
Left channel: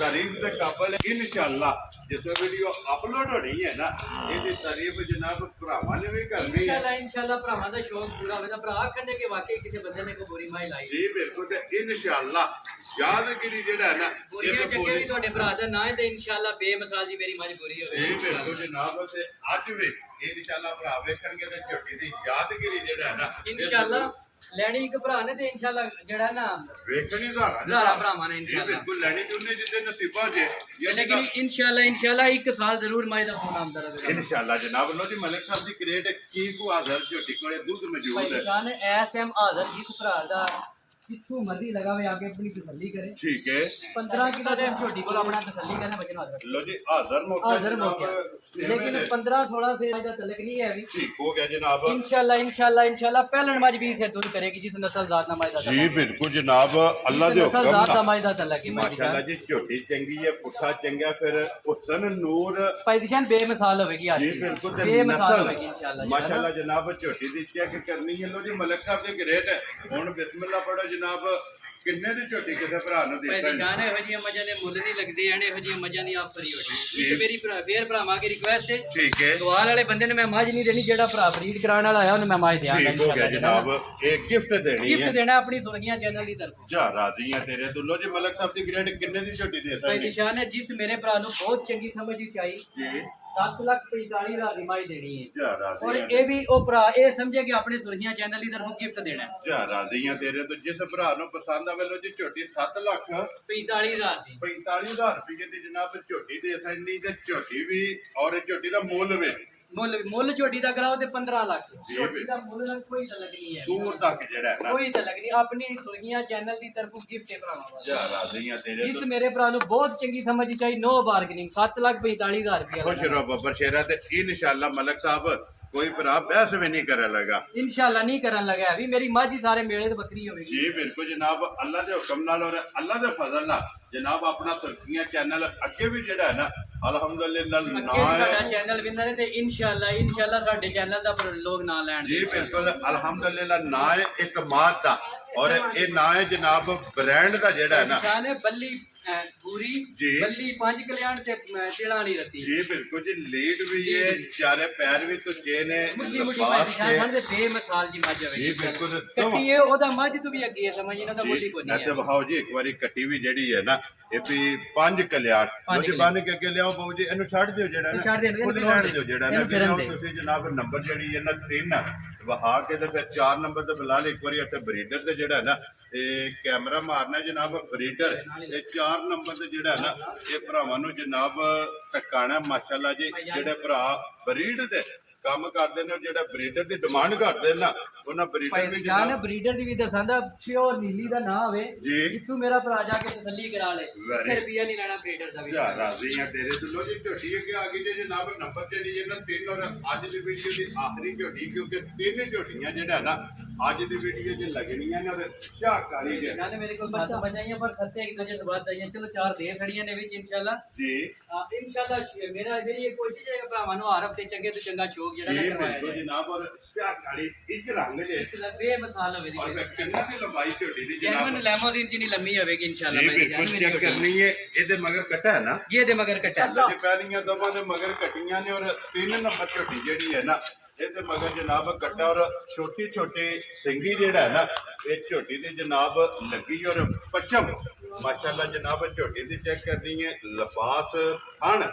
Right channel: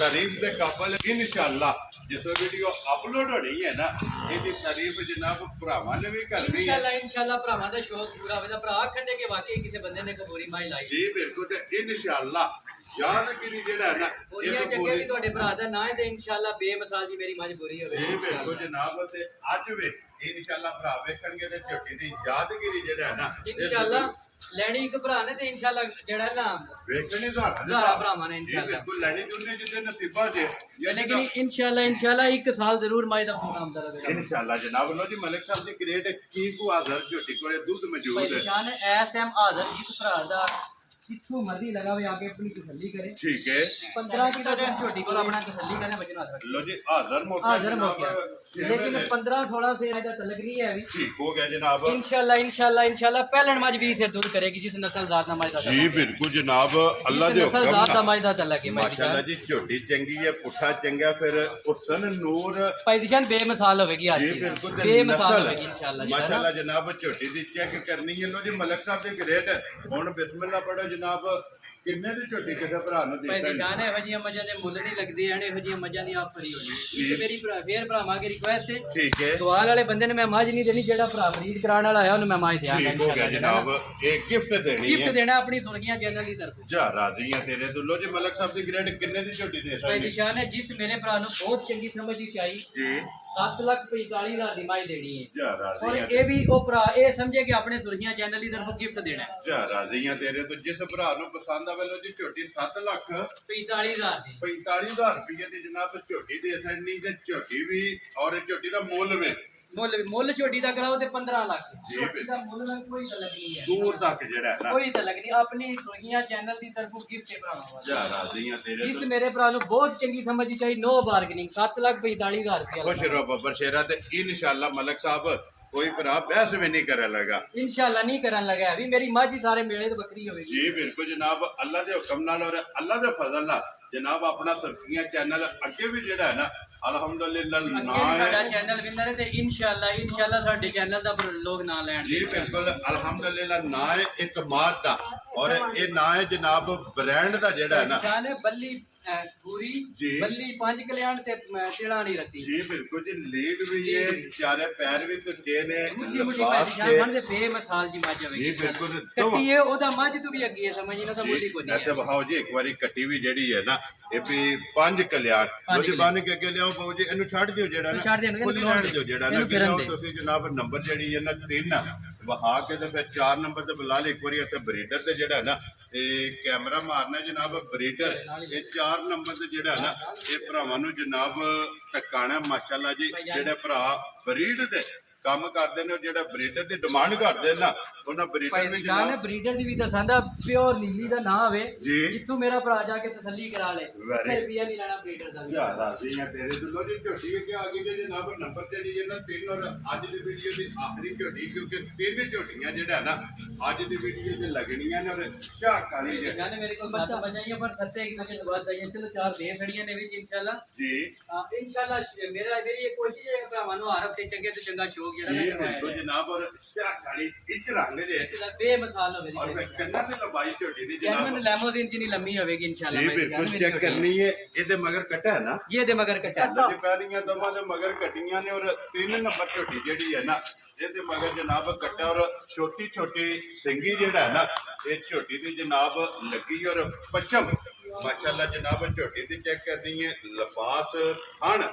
ਤਾਰੀਫ ਦੇ ਕਾਬਲ ਇਨਸ਼ਾਅੱਲਾ ਜਿਸ ਵੀਡੀਓ ਅਪਲੋਡ ਹੋਣੀ ਹੈ ਨਾ ਇਹਦੀ ਤਾਰੀਫ ਜਨਾਬ ਭਰਾਵਾਂ ਨੇ ਵੀ ਕਰਨੀ ਹੈ। ਇਨਸ਼ਾਅੱਲਾ ਭਰਾਵਾਂ ਦਾ ਸ਼ੌਕ ਪੂਰਾ ਹੋਵੇਗਾ। ਭਰਾ ਆਖਣਗੇ ਕਿ ਵਾਕਈ ਕਿਸੇ ਬੰਦੇ ਨੇ ਕਬੂਰੀ ਮਾਈ ਲਾਈ। ਜੀ ਬਿਲਕੁਲ, ਤੇ ਇਨਸ਼ਾਅੱਲਾ ਯਾਦਗਿਰੀ ਜਿਹੜਾ ਹੈ ਨਾ ਬੋਰੀਆਂ ਜੱਗੇ ਵੀ ਤੁਹਾਡੇ ਭਰਾ ਦਾ ਨਾਂ ਹੈ ਤੇ ਇਨਸ਼ਾਅੱਲਾ ਬੇਮਿਸਾਲ ਜੀ ਮੇਰੀ ਮੱਝ ਪੂਰੀ ਹੋਵੇ। ਜੀ ਬਿਲਕੁਲ ਜਨਾਬ, ਤੇ ਅੱਜ ਵੀ ਇਨਸ਼ਾਅੱਲਾ ਭਰਾ ਵੇਖਣਗੇ ਤੇ ਝੋਟੀ ਦੀ ਯਾਦਗਿਰੀ ਜਿਹੜਾ ਹੈ ਨਾ ਇਨਸ਼ਾਅੱਲਾ ਲੈਣੀ ਇੱਕ ਭਰਾ ਨੇ ਤੇ ਇਨਸ਼ਾਅੱਲਾ ਜਿਹੜਾ ਨਾ ਵੇਖਣੀ ਦਾ ਭਰਾਵਾਂ ਨੇ ਜੀ ਇਨਸ਼ਾਅੱਲਾ। ਬਿਲਕੁਲ ਲੈਣੀ ਤੁਨੇ ਜਿੱਦੇ ਨਸੀਬਾਂ ਜੇ लेकिन इंशाल्लाह एक साल जरूर माई दा फोन आमदा रहेगा इनशाअल्लाह जनाब। लो जी मलिक साहब दी क्रेट की को हाजर झोटी कोले दूध मौजूद है। जान एसएम हाजर जिस भरा दा जिथों मर्जी लगावे आगे अपनी तसल्ली करे। ठीक है 15 किलो दिन झोटी को अपना तसल्ली करने वजन हाजर। लो जी हाजर मौका हाजर मौका लेकिन 15-16 से आजा तलक नहीं है अभी। ठीक हो गया जनाब। इंशाल्लाह पहलन मज भी थे दूध करेगी जिस नस्ल जात ना माई दा। जी बिल्कुल जनाब, अल्लाह दे नस्ल जात दा हुक्म माई दा तलक है माशाल्लाह जी। झोटी चंगी है, पुठा चंगा, फिर हुसन नूर पैदिशान बेमिसाल होगी आज जी बिल्कुल, ते बेमिसाल नस्ल होगी इंशाल्लाह माशाल्लाह जनाब। झोटी दी चेक करनी है। लो जी मलिक साहब दे ग्रेट हुन बिस्मिल्लाह पढ़ो जनाब। किन्ने दी झोटी किसे भरा नु दी ਭਾਈ ਜਾਨ ਇਹੋ ਜਿਹੀਆਂ ਮੱਝਾਂ ਦੇ ਮੁੱਲ ਨਹੀਂ ਲੱਗਦੇ ਐ, ਇਹੋ ਜਿਹੀਆਂ ਮੱਝਾਂ ਦੀ ਆਪ ਫਰੀ ਹੋਣੀ ਹੈ। ਇੱਕ ਮੇਰੀ ਫੇਰ ਭਰਾਵਾਂ ਦੀ ਰਿਕੁਐਸਟ ਹੈ, ठीक है ਸਵਾਲ ਵਾਲੇ ਬੰਦੇ ਨੇ ਮੈਂ ਮੱਝ ਨਹੀਂ ਦੇਣੀ, ਜਿਹੜਾ ਭਰਾ ਫਰੀਦ ਕਰਾਉਣ ਵਾਲਾ ਹੈ ਉਹਨੂੰ ਮੈਂ ਮੱਝ ਦਿਆਂਗਾ ठीक हो गया जनाब। एक गिफ्ट देनी ਗਿਫਟ है। ਦੇਣਾ ਆਪਣੀ ਸੁਰਗੀਆਂ ਚੈਨਲ ਦੀ ਤਰਫੋਂ। जा राजी है तेरे तो। लो जी मलिक साहब दी ग्रेट किन्ने दी झोटी दे ਭਾਈ सकनी ਨਿਸ਼ਾਨ ਹੈ ਜਿਸ ਮੇਰੇ ਭਰਾ ਨੂੰ ਬਹੁਤ ਚੰਗੀ ਸਮਝ ਵਿੱਚ ਆਈ जी 7,45,000 ਦੀ ਮਾਈ ਦੇਣੀ ਹੈ। जा ਔਰ राजी है ਇਹ ਵੀ ਉਹ ਭਰਾ ਇਹ ਸਮਝੇ ਕਿ ਆਪਣੇ ਸੁਰਗੀਆਂ ਚੈਨਲ ਦੀ ਤਰਫੋਂ ਗਿਫਟ ਦੇਣਾ ਹੈ। जा राजी है तेरे तो। जिस भरा नु पसंद आवे लो जी झोटी 7 लाख 45,000 ਦੀ 45,000 रुपये ਦੀ ਜਨਾਬ ਝੋਟੀ ਦੇ ਸਕਣੀ ਤੇ ਝੋਟੀ ਵੀ ਔਰ ਝੋਟੀ ਦਾ ਮੁੱਲ ਵੀ ਮੁੱਲ ਝੋਟੀ ਦਾ ਕਰਾਓ ਤੇ 15 ਲੱਖ। ਜੀ ਝੋਟੀ ਦਾ ਮੁੱਲ ਨਾਲ ਕੋਈ ਤਲਕ ਨਹੀਂ ਹੈ, ਦੂਰ ਤੱਕ ਜਿਹੜਾ ਹੈ ਨਾ। ਕੋਈ ਤਲਕ ਨਹੀਂ। ਆਪਣੀ ਸੁਰਗੀਆਂ ਚੈਨਲ ਦੀ ਤਰਫੋਂ ਗਿਫਟ ਹੈ ਭਰਾਵਾਂ। ਜਾ ਰਾਜ਼ੀ ਆ ਤੇਰੇ ਜਿਸ ਤੋਂ। ਮੇਰੇ ਭਰਾ ਨੂੰ ਬਹੁਤ ਚੰਗੀ ਸਮਝ ਚਾਹੀ ਨੋ ਬਾਰਗਨਿੰਗ 7,45,000 ਰੁਪਏ ਖੁਸ਼ ਰਹੋ ਬੱਬਰ ਸ਼ੇਰਾ ਤੇ ਇਨਸ਼ਾਅੱਲਾ ਮਲਕ ਸਾਹਿਬ ਕੋਈ ਭਰਾ ਬਹਿਸ ਵੀ ਨਹੀਂ ਕਰਨ ਲਗਾ। ਇਨਸ਼ਾਅੱਲਾ ਨਹੀਂ ਕਰਨ ਲੱਗਾ ਵੀ ਮੇਰੀ ਮੱਝ ਹੀ ਸਾਰੇ ਮੇਲੇ ਤੇ ਬੱਕਰੀ ਹੋਵੇਗੀ। ਜੀ ਬਿਲਕੁਲ ਜਨਾਬ, ਅੱਲਾ ਦੇ ਹੁਕਮ ਨਾਲ ਔਰ ਅੱਲਾ ਦੇ ਫਜ਼ਲ ਨਾਲ ਜਨਾਬ ਆਪਣਾ ਸੁਰਖੀਆਂ ਚੈਨਲ ਅੱਗੇ ਵੀ ਜਿਹੜਾ ਹੈ ਨਾ ਅਲਹਮਦੁਲਿਲਾ ਅੱਗੇ ਵੀ ਨਾਂ ਸਾਡਾ ਹੈ ਚੈਨਲ ਵਿਨਰ ਹੈ ਤੇ ਇਨਸ਼ਾਅੱਲਾ ਸਾਡੇ ਚੈਨਲ ਦਾ ਲੋਕ ਨਾਂ ਲੈਣ। ਜੀ ਬਿਲकुल अल्हम्दुलिल्लाह ना है एक मात का और ये ना है जनाब ब्रांड का जेड़ा है ना। ਨਿਸ਼ਾਨ ਹੈ ਬੱਲੀ ਪੂਰੀ जी। ਬੱਲੀ 5 ਕਲਿਆਣ ਤੇ ਤੇਲਾਂ ਵਾਲੀ ਰੱਤੀ। जी बिल्कुल जी, लीड भी ये चारे पैर भी तो चेन है ਮੁੱਠੀ ਮੁੱਠੀ लिबास ਨਿਸ਼ਾਨ है। ਜਾਣ ਦੇ ਬੇਮਿਸਾਲ ਜੀ ਮੱਝ ਹੋਵੇਗੀ। ਜੀ ਬਿਲਕੁਲ। ਕੱਟੀ ਹੈ ਉਹਦਾ ਮੱਝ ਤੋਂ ਵੀ ਅੱਗੇ ਹੈ, ਸਮਝੀ ਨਾ ਤਾਂ ਮੁੱਢੀ ਕੋ जी ਨਹੀਂ ऐसे ਹੈ। बहाओ जी एक बारी कट्टी भी जेड़ी है ना ये भी 5 कल्याण पंज मुझे कल्याण। बन के अगे लियाओ बाबू जी इन्हू छੱਡ ਦਿਓ ਜਿਹੜਾ ਨਾ ਛੱਡ ਦੇਣਗੇ, ਖੁੱਲੀ ਰਹਿਣ ਦਿਓ ਜਿਹੜਾ ਨਾ। ਇਹਨੂੰ ਫਿਰਨ ਲਿਆਓ ਦੇ। ਤੁਸੀਂ ਜਨਾਬ ਨੰਬਰ ਜਿਹੜੀ ਹੈ ਨਾ 3 ਵਹਾ ਕੇ ਤੇ ਫਿਰ 4 ਨੰਬਰ ਤੇ ਬੁਲਾ ਲਈ ਇੱਕ ਵਾਰੀ। ਇੱਥੇ ਬਰੀਡਰ ਤੇ ਜਿਹੜਾ ਨਾ ਇਹ ਕੈਮਰਾ ਮਾਰਨਾ ਜਨਾਬ ਬਰੀਡਰ ਇਹ 4 ਨੰਬਰ ਤੇ ਜਿਹੜਾ ਨਾ ਇਹ ਭਰਾਵਾਂ ਨੂੰ ਜਨਾਬ ਟਕਾਣਾ ਮਾਸ਼ਾਅੱਲਾ ਜੀ। ਜਿਹੜੇ ਭਰਾ ਬਰੀਡ ਤੇ ਕੰਮ ਕਰਦੇ ਨੇ ਜਿਹੜਾ ਬਰੀਡਰ ਦੀ ਡਿਮਾਂਡ ਕਰਦੇ ਨਾ ਉਹਨਾਂ ਬਰੀਡਰ ਵੀ ਭਾਈ ਜਨਾਬ ਬਰੀਡਰ ਦੀ ਵੀ ਦੱਸਾਂਦਾ ਪਿਓਰ ਨੀਲੀ ਦਾ ਨਾਂ ਹੋਵੇ ਜੀ। ਜਿੱਥੋਂ ਮੇਰਾ ਭਰਾ ਜਾ ਕੇ ਤਸੱਲੀ ਕਰਾ ਲੇ, Very। ਰੁਪਿਆ ਨਹੀਂ ਲੈਣਾ ਬਰੀਡਰ ਦਾ ਵੀ। ਯਾ ਰਾਜ਼ੀ ਆ ਤੇਰੇ ਤੋਂ। ਲੋ ਜੀ ਝੋਟੀ ਅੱਗੇ ਆ ਗਈ ਜੇ ਜਨਾਬ ਨੰਬਰ ਤੇ ਜੀ ਇਹਨਾਂ 3 ਔਰ ਅੱਜ ਦੀ ਵੀਡੀਓ ਦੀ ਆਖਰੀ ਝੋਟੀ ਕਿਉਂਕਿ 3 ਝੋਟੀਆਂ ਜਿਹੜਾ ਨਾ ਅੱਜ ਦੀ ਵੀਡੀਓ 'ਚ ਲੱਗਣੀਆਂ ਨੇ ਔਰ ਝਾਕ ਵਾਲੀ ਜੇ ਜਾਨੇ ਮੇਰੇ ਕੋਲ ਬੱਚਾ ਬਜਾਈਆਂ ਪਰ ਸੱਤੇ ਇੱਕ ਦੂਜੇ ਤੋਂ ਬਾਅਦ ਆਈਆਂ। ਚਲੋ 4 ਦੇ ਖੜੀਆਂ ਨੇ ਵਿੱਚ ਇਨਸ਼ਾਅੱਲਾ। ਜੀ ਇਨਸ਼ਾਅੱਲਾ ਮੇਰੀ ਇਹ ਕੋਸ਼ਿਸ਼ ਹੈ ਭਰਾਵਾਂ ਨੂੰ ਆਰਫ ਤੇ ਚੰਗੇ ਤੋਂ ਚੰਗਾ ਸ਼ੌਕ ਜਿਹੜਾ ਜੀ ਨਾ ਕਰਵਾਇਆ ਬਿਲਕੁਲ ਜਾਏ। ਜਨਾਬ ਔਰ ਝਾਕ ਵਾਲੀ ਇੱਕ ਰੰਗ ਜੇ ਇਹਦਾ ਬੇਮਿਸਾਲ ਹੋਵੇ ਔਰ ਦੀ ਕਿੰਨਾ ਤੇ ਲੰਬਾਈ ਝੋਟੀ ਦੀ ਜੈਨੂਨ ਜਨਾਬ ਲੈਮੋਜ਼ੀਨ ਜਿੰਨੀ ਲੰਮੀ ਹੋਵੇਗੀ ਇਨਸ਼ਾਅੱਲਾ। ਜੀ ਬਿਲਕੁਲ ਚੈੱਕ ਕਰਨੀ ਹੈ। ਇਹਦੇ ਮਗਰ ਕੱਟਾ ਹੈ ਨਾ ਇਹ ਦੇ ਮਗਰ ਕੱਟਾ ਜੀ ਪਹਿਲੀਆਂ ਦੋਵਾਂ ਦੇ ਮਗਰ ਕੱਟੀਆਂ ਨੇ ਔਰ 3 ਨੰਬਰ ਝੋਟੀ ਜਿਹੜੀ ਹੈ ਨਾ ਇਹਦੇ ਮਗਰ ਜਨਾਬ ਕੱਟਾ ਔਰ ਛੋਟੀ ਛੋਟੀ ਸਿੰਗੀ ਜਿਹੜਾ ਹੈ ਨਾ ਇਹ ਝੋਟੀ ਦੀ ਜਨਾਬ ਲੱਗੀ ਔਰ ਪੱਛਮ ਮਾਸ਼ਾਅੱਲਾ ਜਨਾਬ ਝੋਟੀ ਦੀ ਚੈੱਕ ਕਰਨੀ ਹੈ ਲਿਬਾਸ ਹਣ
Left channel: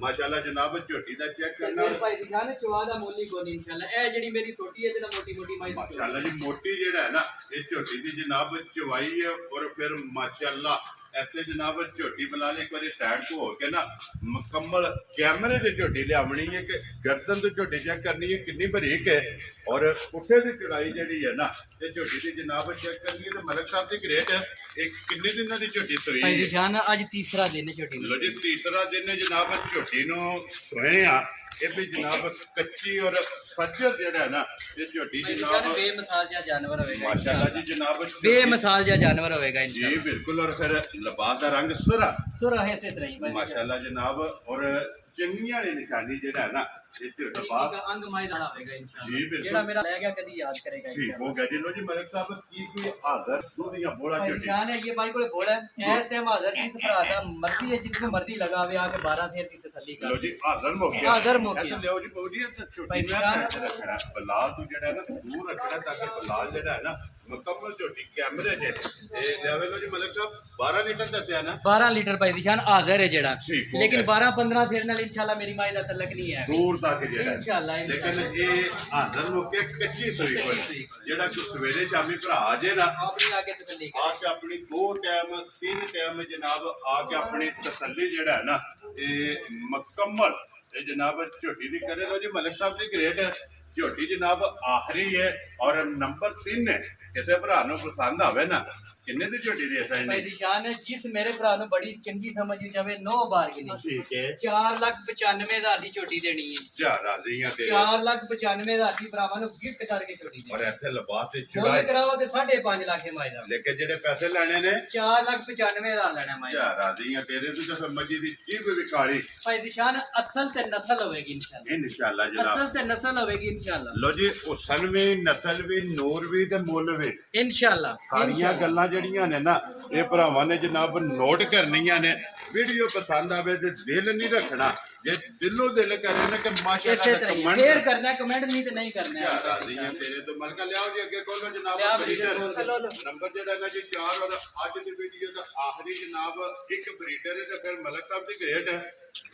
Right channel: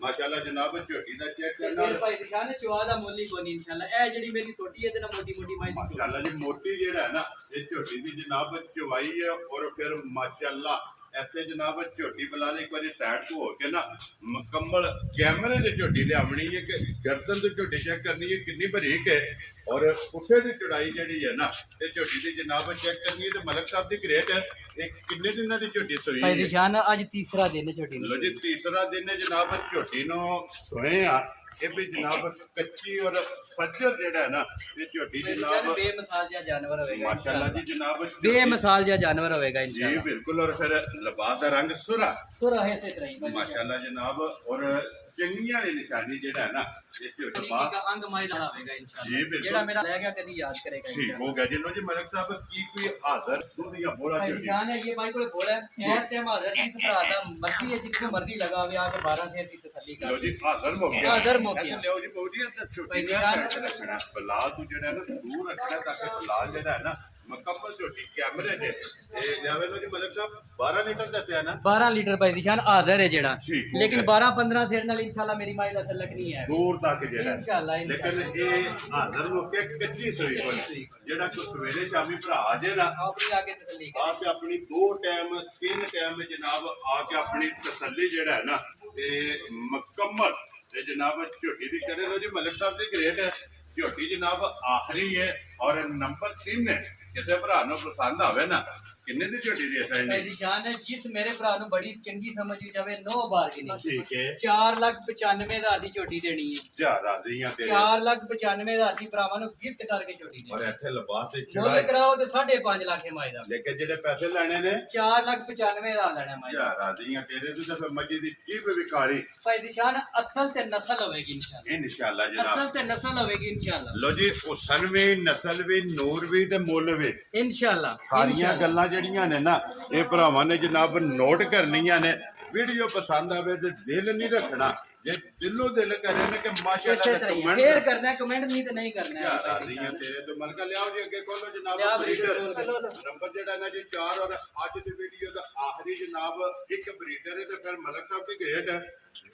ਮਾਸ਼ਾਅੱਲਾ ਜਨਾਬ ਝੋਟੀ ਦਾ ਚੈੱਕ ਕਰਨਾ ਮੇਰੇ ਭਾਈ ਦਿਖਾ ਨਾ ਚਵਾ ਦਾ ਮੁੱਲ ਹੀ ਕੋਈ ਨਹੀਂ ਇਨਸ਼ਾਅੱਲਾ। ਇਹ ਜਿਹੜੀ ਮੇਰੀ ਛੋਟੀ ਹੈ ਤੇ ਨਾ ਮੋਟੀ ਮੋਟੀ ਮਾਈ ਮਾਸ਼ਾਅੱਲਾ ਜੀ ਮੋਟੀ ਜਿਹੜਾ ਹੈ ਨਾ ਇਹ ਝੋਟੀ ਦੀ ਜਨਾਬ ਚਵਾਈ ਹੈ ਔਰ ਫਿਰ ਮਾਸ਼ਾਅੱਲਾ ਇੱਥੇ ਜਨਾਬ ਝੋਟੀ ਬੁਲਾ ਲਈ, ਇੱਕ ਵਾਰੀ ਸਾਈਡ ਤੋਂ ਹੋ ਕੇ ਨਾ ਮੁਕੰਮਲ ਕੈਮਰੇ ਦੇ ਝੋਟੀ ਲਿਆਉਣੀ ਹੈ ਕਿ ਗਰਦਨ ਤੋਂ ਝੋਟੀ ਚੈੱਕ ਕਰਨੀ ਹੈ ਕਿੰਨੀ ਬਰੀਕ ਹੈ, ਔਰ ਪੁੱਠੇ ਦੀ ਚੜਾਈ ਜਿਹੜੀ ਹੈ ਨਾ ਇਹ ਝੋਟੀ ਦੀ ਜਨਾਬ ਚੈੱਕ ਕਰਨੀ ਹੈ। ਤੇ ਮਲਕ ਸਾਹਿਬ ਦੀ ਗ੍ਰੇਟ ਇਹ ਕਿੰਨੇ ਦਿਨਾਂ ਦੀ ਝੋਟੀ ਸੋਈ ਭਾਈ ਹੈ? ਨਿਸ਼ਾਨ ਅੱਜ ਤੀਸਰਾ ਦਿਨ ਹੈ ਛੋਟੀ ਲੋ ਜੀ ਤੀਸਰਾ ਦਿਨ ਹੈ ਜਨਾਬ ਝੋਟੀ ਨੂੰ ਸੋਏ ਆ। ਇਹ ਵੀ ਜਨਾਬ ਕੱਚੀ ਔਰ ਸੱਜਰ ਜਿਹੜਾ ਹੈ ਨਾ ਇਹ ਝੋਟੀ ਜਨਾਬ ਬੇਮਿਸਾਲ ਜਿਹਾ ਜਾਨਵਰ ਹੋਵੇਗਾ ਮਾਸ਼ਾਅੱਲਾ ਜੀ ਜਨਾਬ ਬੇਮਿਸਾਲ ਜਿਹਾ ਜਾਨਵਰ ਹੋਵੇਗਾ ਜੀ ਇਨਸ਼ਾਅੱਲਾ। ਬਿਲਕੁਲ। ਔਰ ਫਿਰ ਲਿਬਾਸ ਦਾ ਰੰਗ ਸੁਰਾ ਸੁਰਾ ਹੈ ਇਸੇ ਤਰ੍ਹਾਂ ਹੀ ਭਾਈ ਮਾਸ਼ਾਅੱਲਾ ਜਨਾਬ, ਔਰ ਚੰਗੀਆਂ ਦੀ ਨਿਸ਼ਾਨੀ ਜਿਹੜਾ ਹੈ ਨਾ ਇਹ ਝੋਟੀ का अंग माई लड़ा होगा इंशाल्लाह। जी, बिल्कुल। जेड़ा मेरा रह गया कभी याद करेगा ठीक इंशाल्लाह। हो गया जी। लो जी मलिक साहब की कोई हाजर दूध या बोला भाई ਝੋਟੀ निशान है ये भाई को बोला है इस टाइम हाजिर किस भरा था मर्जी है जितनी मर्जी लगावे आके 12 शेर की तसल्ली लो कर जी हाजर हो गया। हाज़िर हो गया। ऐसा लियो जी बहु जी ऐसा छोटी भाई में निशान- कैसे रखना बलाल तू जेड़ा है ना दूर रखना ताकि बलाल जेड़ा है ना मुकम्मल ਝੋਟੀ कैमरे दे ए लेवे। लो जी मलिक साहब 12 लीटर दसया ना 12 लीटर भाई निशान हाजिर है जेड़ा ठीक हो लेकिन गया। 12-15 शेर नाल इंशाल्लाह मेरी माई दा तलक नहीं है दूर तक जेड़ा इंशाल्लाह, है। लेकिन ये हाजर हो के कच्ची सोई कोई जेड़ा को सवेरे शामी भरा जे ना अपनी आके तसल्ली कर आके अपनी 2 टाइम 3 टाइम जनाब आके अपनी तसल्ली जेड़ा है ना ये मुकम्मल ये जनाब झोटी दी करे। लो जी मलिक साहब दी ग्रेट है झोटी जनाब आखिरी है और नंबर 3 है। किसी भरा नु पसंद आवे ना किन्ने दी झोटी दी ऐसा भाई नहीं निशान है जिस मेरे भरा नु बड़ी चंगी समझ जावे 9 बार की नहीं ठीक है 4,95,000 दी छोटी देनी है। जा राजी हैं तेरे 4,95,000 दी भरावां नु गिफ्ट करके छोटी और देनी ऐसे लिबास से मुੱਲ चढ़ाई ਕਰਾਓ ਤੇ 5.5 ਲੱਖ ਮਾਈ ਦਾ लेकिन जेडे पैसे लेने ने 4,95,000 ਲੈਣਾ ਮਾਈ जा ਦਾ राजी हैं तेरे तो फिर मजी दी जीब भी काली ਭਾਈ ਨਿਸ਼ਾਨ ਅਸਲ ਤੇ ਨਸਲ ਹੋਵੇਗੀ ਇਨਸ਼ਾਅੱਲਾ। इंशाल्लाह जनाब। ਅਸਲ ਤੇ ਨਸਲ ਹੋਵੇਗੀ ਇਨਸ਼ਾਅੱਲਾ लो जी हुसन भी नस्ल भी नूर भी ते मुल भी ਇਨਸ਼ਾਅੱਲਾ। ਸਾਰੀਆਂ ਗੱਲਾਂ ਜਿਹੜੀਆਂ ਨੇ ਨਾ ਇਹ ਭਰਾਵਾਂ ਨੇ ਜਨਾਬ ਨੋਟ ਕਰਨੀਆਂ ਨੇ। ਵੀਡੀਓ ਪਸੰਦ ਆਵੇ ਤੇ ਦਿਲ ਨਹੀਂ ਰੱਖਣਾ, ਜੇ ਦਿਲੋਂ ਦਿਲ ਕਰੇ ਨਾ ਕਿ ਮਾਸ਼ਾਅੱਲਾ ਇਸੇ ਤਰ੍ਹਾਂ ਹੀ ਸ਼ੇਅਰ ਕਰਨਾ ਕਮੈਂਟ ਨਹੀਂ ਤੇ ਨਹੀਂ ਕਰਨਾ ਹੈ। ਰਾਜ਼ੀਆਂ ਤੇਰੇ ਤੋਂ ਮਲਕਾ ਲਿਆਓ ਜੀ ਅੱਗੇ ਖੋਲੋ ਜਨਾਬ ਲਿਆ ਬਰੀਡਰ ਬਰੀਡਰ ਨੰਬਰ ਜਿਹੜਾ ਨਾ ਜੀ 4 ਔਰ ਅੱਜ ਦੀ ਵੀਡੀਓ ਦਾ ਆਖਰੀ ਜਨਾਬ ਇੱਕ ਬਰੀਡਰ ਹੈ ਤੇ ਫਿਰ ਮਲਕ ਸਾਹਿਬ ਦੀ ਗ੍ਰੇਟ ਹੈ।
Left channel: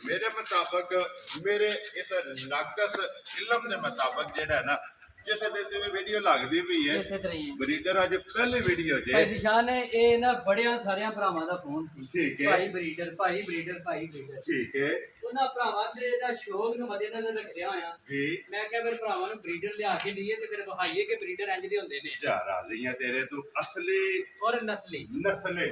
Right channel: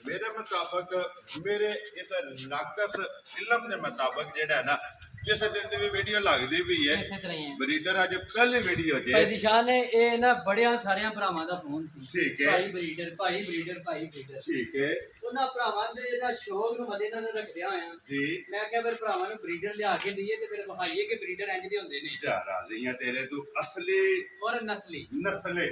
ਮੇਰੇ ਮੁਤਾਬਕ ਮੇਰੇ ਇਸ ਨਾਕਸ ਇਲਮ ਦੇ ਮੁਤਾਬਕ ਜਿਹੜਾ ਹੈ ਨਾ ਜਿਸ ਦਿਨ ਦੀ ਵੀ ਵੀਡੀਓ ਲੱਗਦੀ ਪਈ ਹੈ ਇਸੇ ਤਰ੍ਹਾਂ ਹੀ ਹੈ। ਬਰੀਡਰ ਅੱਜ ਪਹਿਲੀ ਵੀਡੀਓ ਭਾਈ ਜੇ ਨਿਸ਼ਾਨ ਹੈ ਇਹ ਨਾ ਬੜਿਆਂ ਸਾਰਿਆਂ ਭਰਾਵਾਂ ਦਾ ਫੋਨ ਸੀ ਠੀਕ ਹੈ। ਭਾਈ ਬਰੀਡਰ ਭਾਈ ਬਰੀਡਰ ਭਾਈ ਬਰੀਡਰ ਠੀਕ ਹੈ ਉਹਨਾਂ ਭਰਾਵਾਂ ਦੇ ਦਾ ਸ਼ੌਕ ਨੂੰ ਮੱਦੇਨਜ਼ਰ ਰੱਖਦਿਆਂ ਹੋਇਆ ਜੀ। ਮੈਂ ਕਿਹਾ ਫਿਰ ਭਰਾਵਾਂ ਨੂੰ ਬਰੀਡਰ ਲਿਆ ਕੇ ਦਈਏ ਤੇ ਫਿਰ ਵਿਖਾਈਏ ਕਿ ਬਰੀਡਰ ਇੰਜ ਦੇ ਹੁੰਦੇ ਨੇ ਜਾ ਰਾਜ਼ੀਆਂ ਤੇਰੇ ਤੂੰ ਅਸਲੀ ਔਰ ਨਸਲੀ। ਨਸਲੇ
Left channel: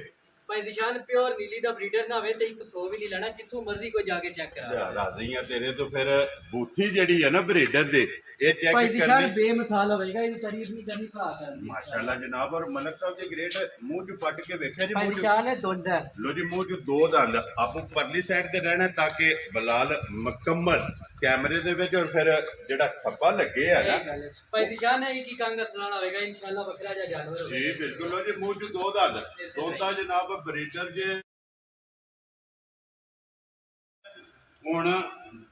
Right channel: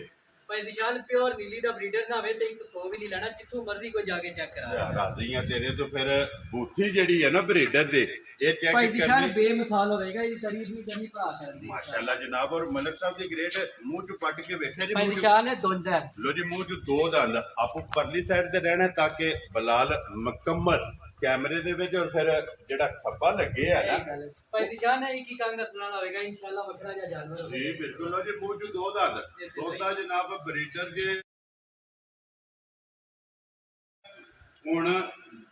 ਭਾਈ ਨਿਸ਼ਾਨ ਪਿਓਰ ਨੀਲੀ ਦਾ ਬਰੀਡਰ ਨਾ ਹੋਵੇ ਤੇ 100 ਵੀ ਨਹੀਂ ਲੈਣਾ, ਜਿੱਥੋਂ ਮਰਜ਼ੀ ਕੋਈ ਜਾ ਕੇ ਚੈੱਕ ਕਰਾ। ਰਾਜ਼ੀਆਂ ਤੇਰੇ ਤੋਂ ਫਿਰ ਬੂਥੀ ਜਿਹੜੀ ਹੈ ਨਾ ਬਰੀਡਰ ਦੇ ਇਹ ਚੈੱਕ ਭਾਈ ਨਿਸ਼ਾਨ ਕਰਨੀ ਬੇਮਿਸਾਲ ਹੋਵੇਗਾ, ਇਹਦੀ ਤਾਰੀਫ ਨਹੀਂ ਕਰਨੀ ਭਰਾ ਕਰਨ ਦੀ। ਮਾਸ਼ਾਅੱਲਾ ਜਨਾਬ। ਔਰ ਮਲਕ ਸਾਹਿਬ ਦੀ ਗ੍ਰੇਟ ਮੂੰਹ ਚ ਪੱਟ ਕੇ ਵੇਖਿਆ ਜੀ ਭਾਈ ਮੂੰਹ ਚ ਨਿਸ਼ਾਨ ਹੈ ਦੁੰਦ ਹੈ ਲੋ ਜੀ ਮੂੰਹ ਚ 2 ਦੰਦ ਆਪੋ ਪਰਲੀ ਸਾਈਡ ਤੇ ਰਹਿਣਾ ਤਾਂ ਕਿ ਬਲਾਲ ਮੁਕੰਮਲ ਕੈਮਰੇ ਦੇ ਵਿੱਚ ਔਰ ਫਿਰ ਜਿਹੜਾ ਥੱਪਾ ਲੱਗੇ ਆ ਇਹ ਨਾ ਗੱਲ ਹੈ। ਭਾਈ ਨਿਸ਼ਾਨ ਹੈ ਇੱਕ ਹੀ ਕੰਗ ਅਸਲਾਣਾ ਹੋਵੇਗਾ ਇਨਸ਼ਾਅੱਲਾ ਵੱਖਰਾ ਜਿਹਾ ਜਾਨਵਰ ਹੋਵੇਗਾ। ਜੀ ਬਿਲਕੁਲ। ਲੋ ਜੀ ਮੂੰਹ ਚ 2 ਦੰਦ ਤੋਤਾ ਜਨਾਬ ਬਰੀਡਰ ਜੇ ਹੁਣ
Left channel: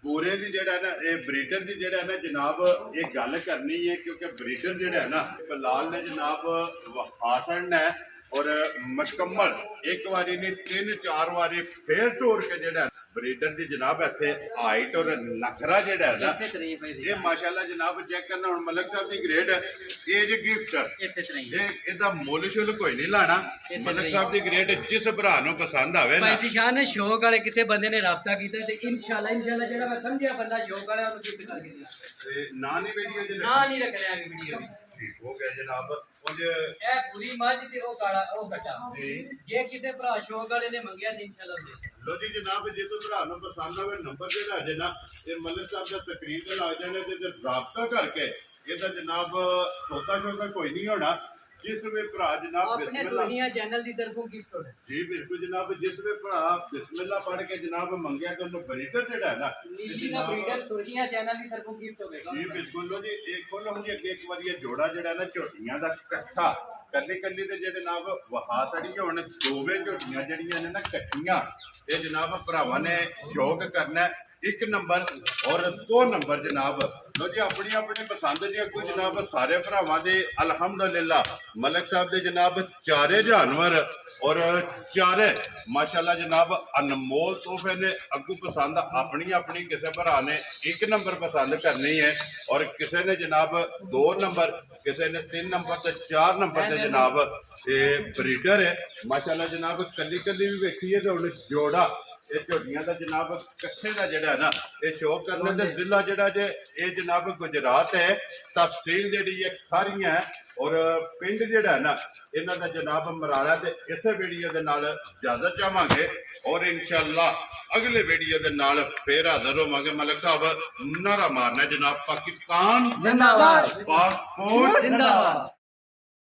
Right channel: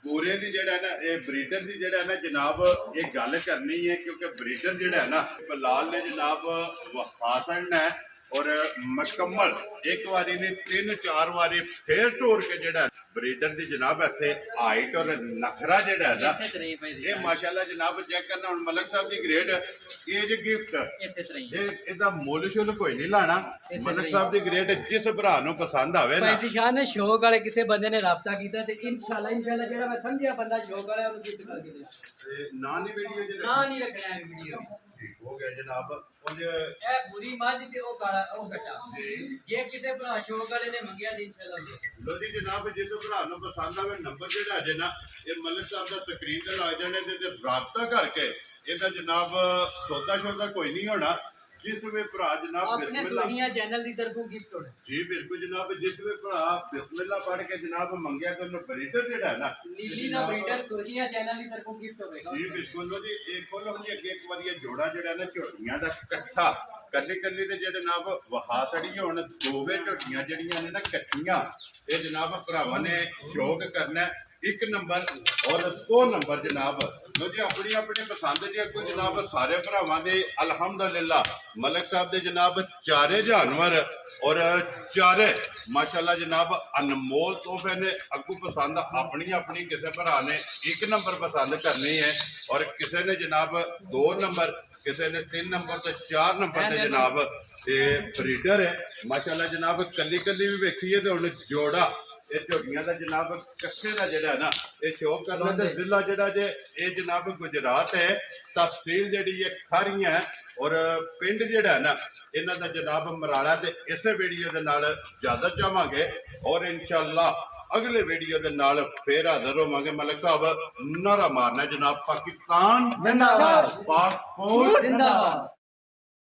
ਪੂਰੇ ਦੀ ਜਿਹੜਾ ਨਾ ਇਹ ਬਰੀਡਰ ਦੀ ਜਿਹੜਾ ਨਾ ਜਨਾਬ ਇਹ ਗੱਲ ਕਰਨੀ ਹੈ ਕਿਉਂਕਿ ਬਰੀਡਰ ਜਿਹੜਾ ਹੈ ਨਾ ਬਲਾਲ ਨੇ ਜਨਾਬ ਵਫਾਸਣ ਹੈ ਔਰ ਮੁਕੰਮਲ ਇੱਕ ਵਾਰੀ ਨਹੀਂ 3-4 ਵਾਰੀ ਫੇਰ ਢੋਰ ਕੇ ਜਿਹੜਾ ਬਰੀਡਰ ਦੀ ਜਨਾਬ ਇੱਥੇ ਹਾਈਟ ਔਰ ਨਖਰਾ ਜਿਹੜਾ ਹੈ ਨਾ ਇਸੇ ਤਰ੍ਹਾਂ ਹੀ ਭਾਈ ਇਹ ਨਿਸ਼ਾਨ ਮਾਸ਼ਾਅੱਲਾ ਜਨਾਬ ਚੈੱਕ ਕਰਨਾ। ਹੁਣ ਮਲਕ ਸਾਹਿਬ ਦੀ ਗ੍ਰੇਡ ਏਜ ਗਿਫਟ ਇਸੇ ਤਰ੍ਹਾਂ ਹੀ ਇਹਦਾ ਮੁੱਲ ਸ਼ੁੱਲ ਕੋਈ ਨਹੀਂ ਲਾਣਾ। ਇਸੇ ਮਲਕ ਤਰ੍ਹਾਂ ਸਾਹਿਬ ਦੀ ਗ੍ਰੇਡ ਜਿਸ ਭਰਾ ਨੂੰ ਪਸੰਦ ਆਵੇ ਨਾ ਭਾਈ ਨਿਸ਼ਾਨ ਹੈ ਸ਼ੌਕ ਵਾਲੇ ਕਿਸੇ ਬੰਦੇ ਨੇ ਰਾਬਤਾ ਕੀਤਾ ਤੇ ਇਨਸ਼ਾਅੱਲਾ ਜਿਹੜਾ ਮੈਂ ਸਮਝਿਆ ਬੰਦਾ ਸ਼ੌਕ ਵਾਲਾ ਉਹਨੂੰ ਗਿਫਟ ਕਰਕੇ ਦਿਆ। ਤੇ ਨਾ ਨਹੀਂ ਵੀਡੀਓ ਦੇ ਨਾ ਨਹੀਂ ਰੱਖਣਾ ਹੈ ਵੀਡੀਓ ਵਿੱਚ। ਠੀਕ ਹੋ ਗਿਆ ਜਨਾਬ। ਕੁਝ ਇਹ ਪੂਰੀ ਮੱਝ ਤੇ ਉਹ ਕਾਲਾ ਉਹ ਗੱਟਾ ਜੀ। ਜੇ ਕਿਸੇ ਭਰਾ ਸ਼ੌਕ ਵਾਲੇ ਨੇ ਮੰਗਿਆ ਤੇ ਇਨਸ਼ਾਅੱਲਾ ਦੇ ਲੋ ਜੀ ਜਨਾਬ ਜਿਸ ਭਰਾ ਨੂੰ ਪਸੰਦ ਆਵੇ ਨੰਬਰ ਜਿਹੜਾ ਜੇ ਨਾ ਇਹ ਮਲਿਕ ਸਾਹਿਬ ਦਾ ਸਕਰੀਨ ਤੇ ਲੱਗ ਜਾਣੇ ਤੇ ਰਾਬਤਾ ਕਰਕੇ ਇਹਦਾ ਜਨਾਬ ਸੌਦਾ ਸ਼ੌਦਾ ਕੋਈ ਨਹੀਂ ਹੋਣਾ। ਜਿਸ ਵੇ ਭਰਾ ਜਨਾਬ ਆਪਣੇ ਬਿਸਮਿਲ੍ਲਾ ਸੁਹੀਆਂ ਚੈਨਲ ਦੀ ਤਰਫੋਂ ਗਿਫਟ ਹੋਣਾ। ਜੀ ਬਿਲਕੁਲ ਜਨਾਬ। ਜਿਸ ਵੇ ਭਰਾ ਬਿਸਮਿਲ੍ਲਾ ਪੜ੍ਹ ਕੇ ਜਨਾਬ ਮੰਗਿਆ ਤੇ ਉਹਨੂੰ ਬਰੀਡਰ ਜਿਹੜਾ ਹੈ ਨਾ ਨੀਲੀ ਦਾ ਬਰੀਡਰ ਸੁਹੀਆਂ ਚੈਨਲ ਦੀ ਤਰਫੋਂ ਗਿਫਟ ਹੋਵੇਗਾ। ਜੀ ਬਿਲਕੁਲ। ਲੋ ਜੀ ਇਹ ਖੋਲੋ ਹੁਣ ਜੀ ਅੱਗੇ ਇੱਕ ਵਾਰੀ ਇਹ ਜੋੜਾ ਜਿਹੜਾ ਨਾ ਝੋਟੀਆਂ ਦਾ ਇਕੱਠਾ ਕੱਲੀ ਕੱਲੀ ਦੇ ਜਿਹੜੇ ਜਨਾਬ ਵਹਾ ਸੜੀ ਹੁਣ ਦੋਵੇਂ ਝੋਟੀਆਂ ਜਿਹੜੀਆਂ ਨੇ ਨਾ ਇਕੱਠੀਆਂ ਇਹ ਜਨਾਬ ਭਰਾਵਾਂ ਨੇ ਸ਼ੌਕ ਕਰਨਾ 1 ਨੰਬਰ ਔਰ 2 ਨੰਬਰ ਜਨਾਬ। ਲੋ ਜੀ ਆਪਣੀ ਆਪਣੀ ਪਸੰਦ ਦੀ ਕੋਈ ਜਨਾਬ ਸਾਰੇ ਭਰਾਵਾਂ ਦੇ ਅਲਹਮਦੁਲਿਲਾ ਮਲਕ ਸਾਹਿਬ ਦੇ ਜਨਾਬ ਚਾਰੇ ਜਾਨਵਰ ਔਰ ਚਾਰੇ ਮਾਸ਼ਾਅੱਲਾ ਜਨਾਬ ਅਨਮੋਲ ਤੋਹਫੇ ਨੇ। ਅੱਗੂ ਪਸੰਦ ਆਪਣੀ ਆਪਣੀ ਕਿਸੇ ਭਰਾ ਨੇ 1 ਨੰਬਰ ਪਸੰਦ ਕਰਨੀ ਹੈ ਔਰ ਕਿਸੇ ਨੇ ਜਨਾਬ 2 ਨੰਬਰ, ਕਿਸੇ ਨੇ 3 ਨੰਬਰ ਤੇ 4 ਨੰਬਰ ਤੇ ਜਨਾਬ ਇਹ ਬਰੀਡਰ ਹੈ ਮਾਸ਼ਾਅੱਲਾ ਜਨਾਬ। ਕੱਲੀ ਕੱਲੀ ਵੀ ਵੇਖੀਏ ਤੇ ਹੁਣ ਜੋੜਾ ਇਹ ਝੋਟੀਆਂ ਦਾ ਜਨਾਬ ਕੱਠੇ ਦਾ ਜਿਹੜਾ ਹੈ ਨਾ ਇਹ ਸ਼ੋਅ ਕਰਨਾ ਤੇ ਜ਼ਿਲ੍ਹਾ ਜਿਹੜਾ ਜੇ ਇਹ ਜਨਾਬ ਗੁਜਰਾਤ ਹੈ, ਤਹਿਸੀਲ ਜਿਹੜੀ ਹੈ ਖਾਰੀਆਂ ਹੈ ਔਰ ਪਿੰਡ ਜਿਹੜਾ ਹੈ ਨਾ ਇਹਨਾਂ ਦਾ ਜਨਾਬ ਮਰਾੜਾ। ਤੇ ਇਸੇ ਵੀਡੀਓ ਦੇ ਨਾਲ ਇਜਾਜ਼ਤ ਚਾਹਾਂਗੇ ਔਰ ਇਨਸ਼ਾਅੱਲਾ ਅਗਲੇ ਵੀਡੀਓ ਦੇ ਨਾਲ ਫੇਰ ਹਾਜ਼ਰ ਹੋਵਾਂਗੇ। ਮਲਕ ਸਾਹਿਬ ਨਾਰਾ ਮਾਰਨਾ ਜਨਾਬ, ਪਾਕਿਸਤਾਨ ਜ਼ਿੰਦਾਬਾਦ, ਪਾਕ ਫੌਜ ਜ਼ਿੰਦਾਬਾਦ।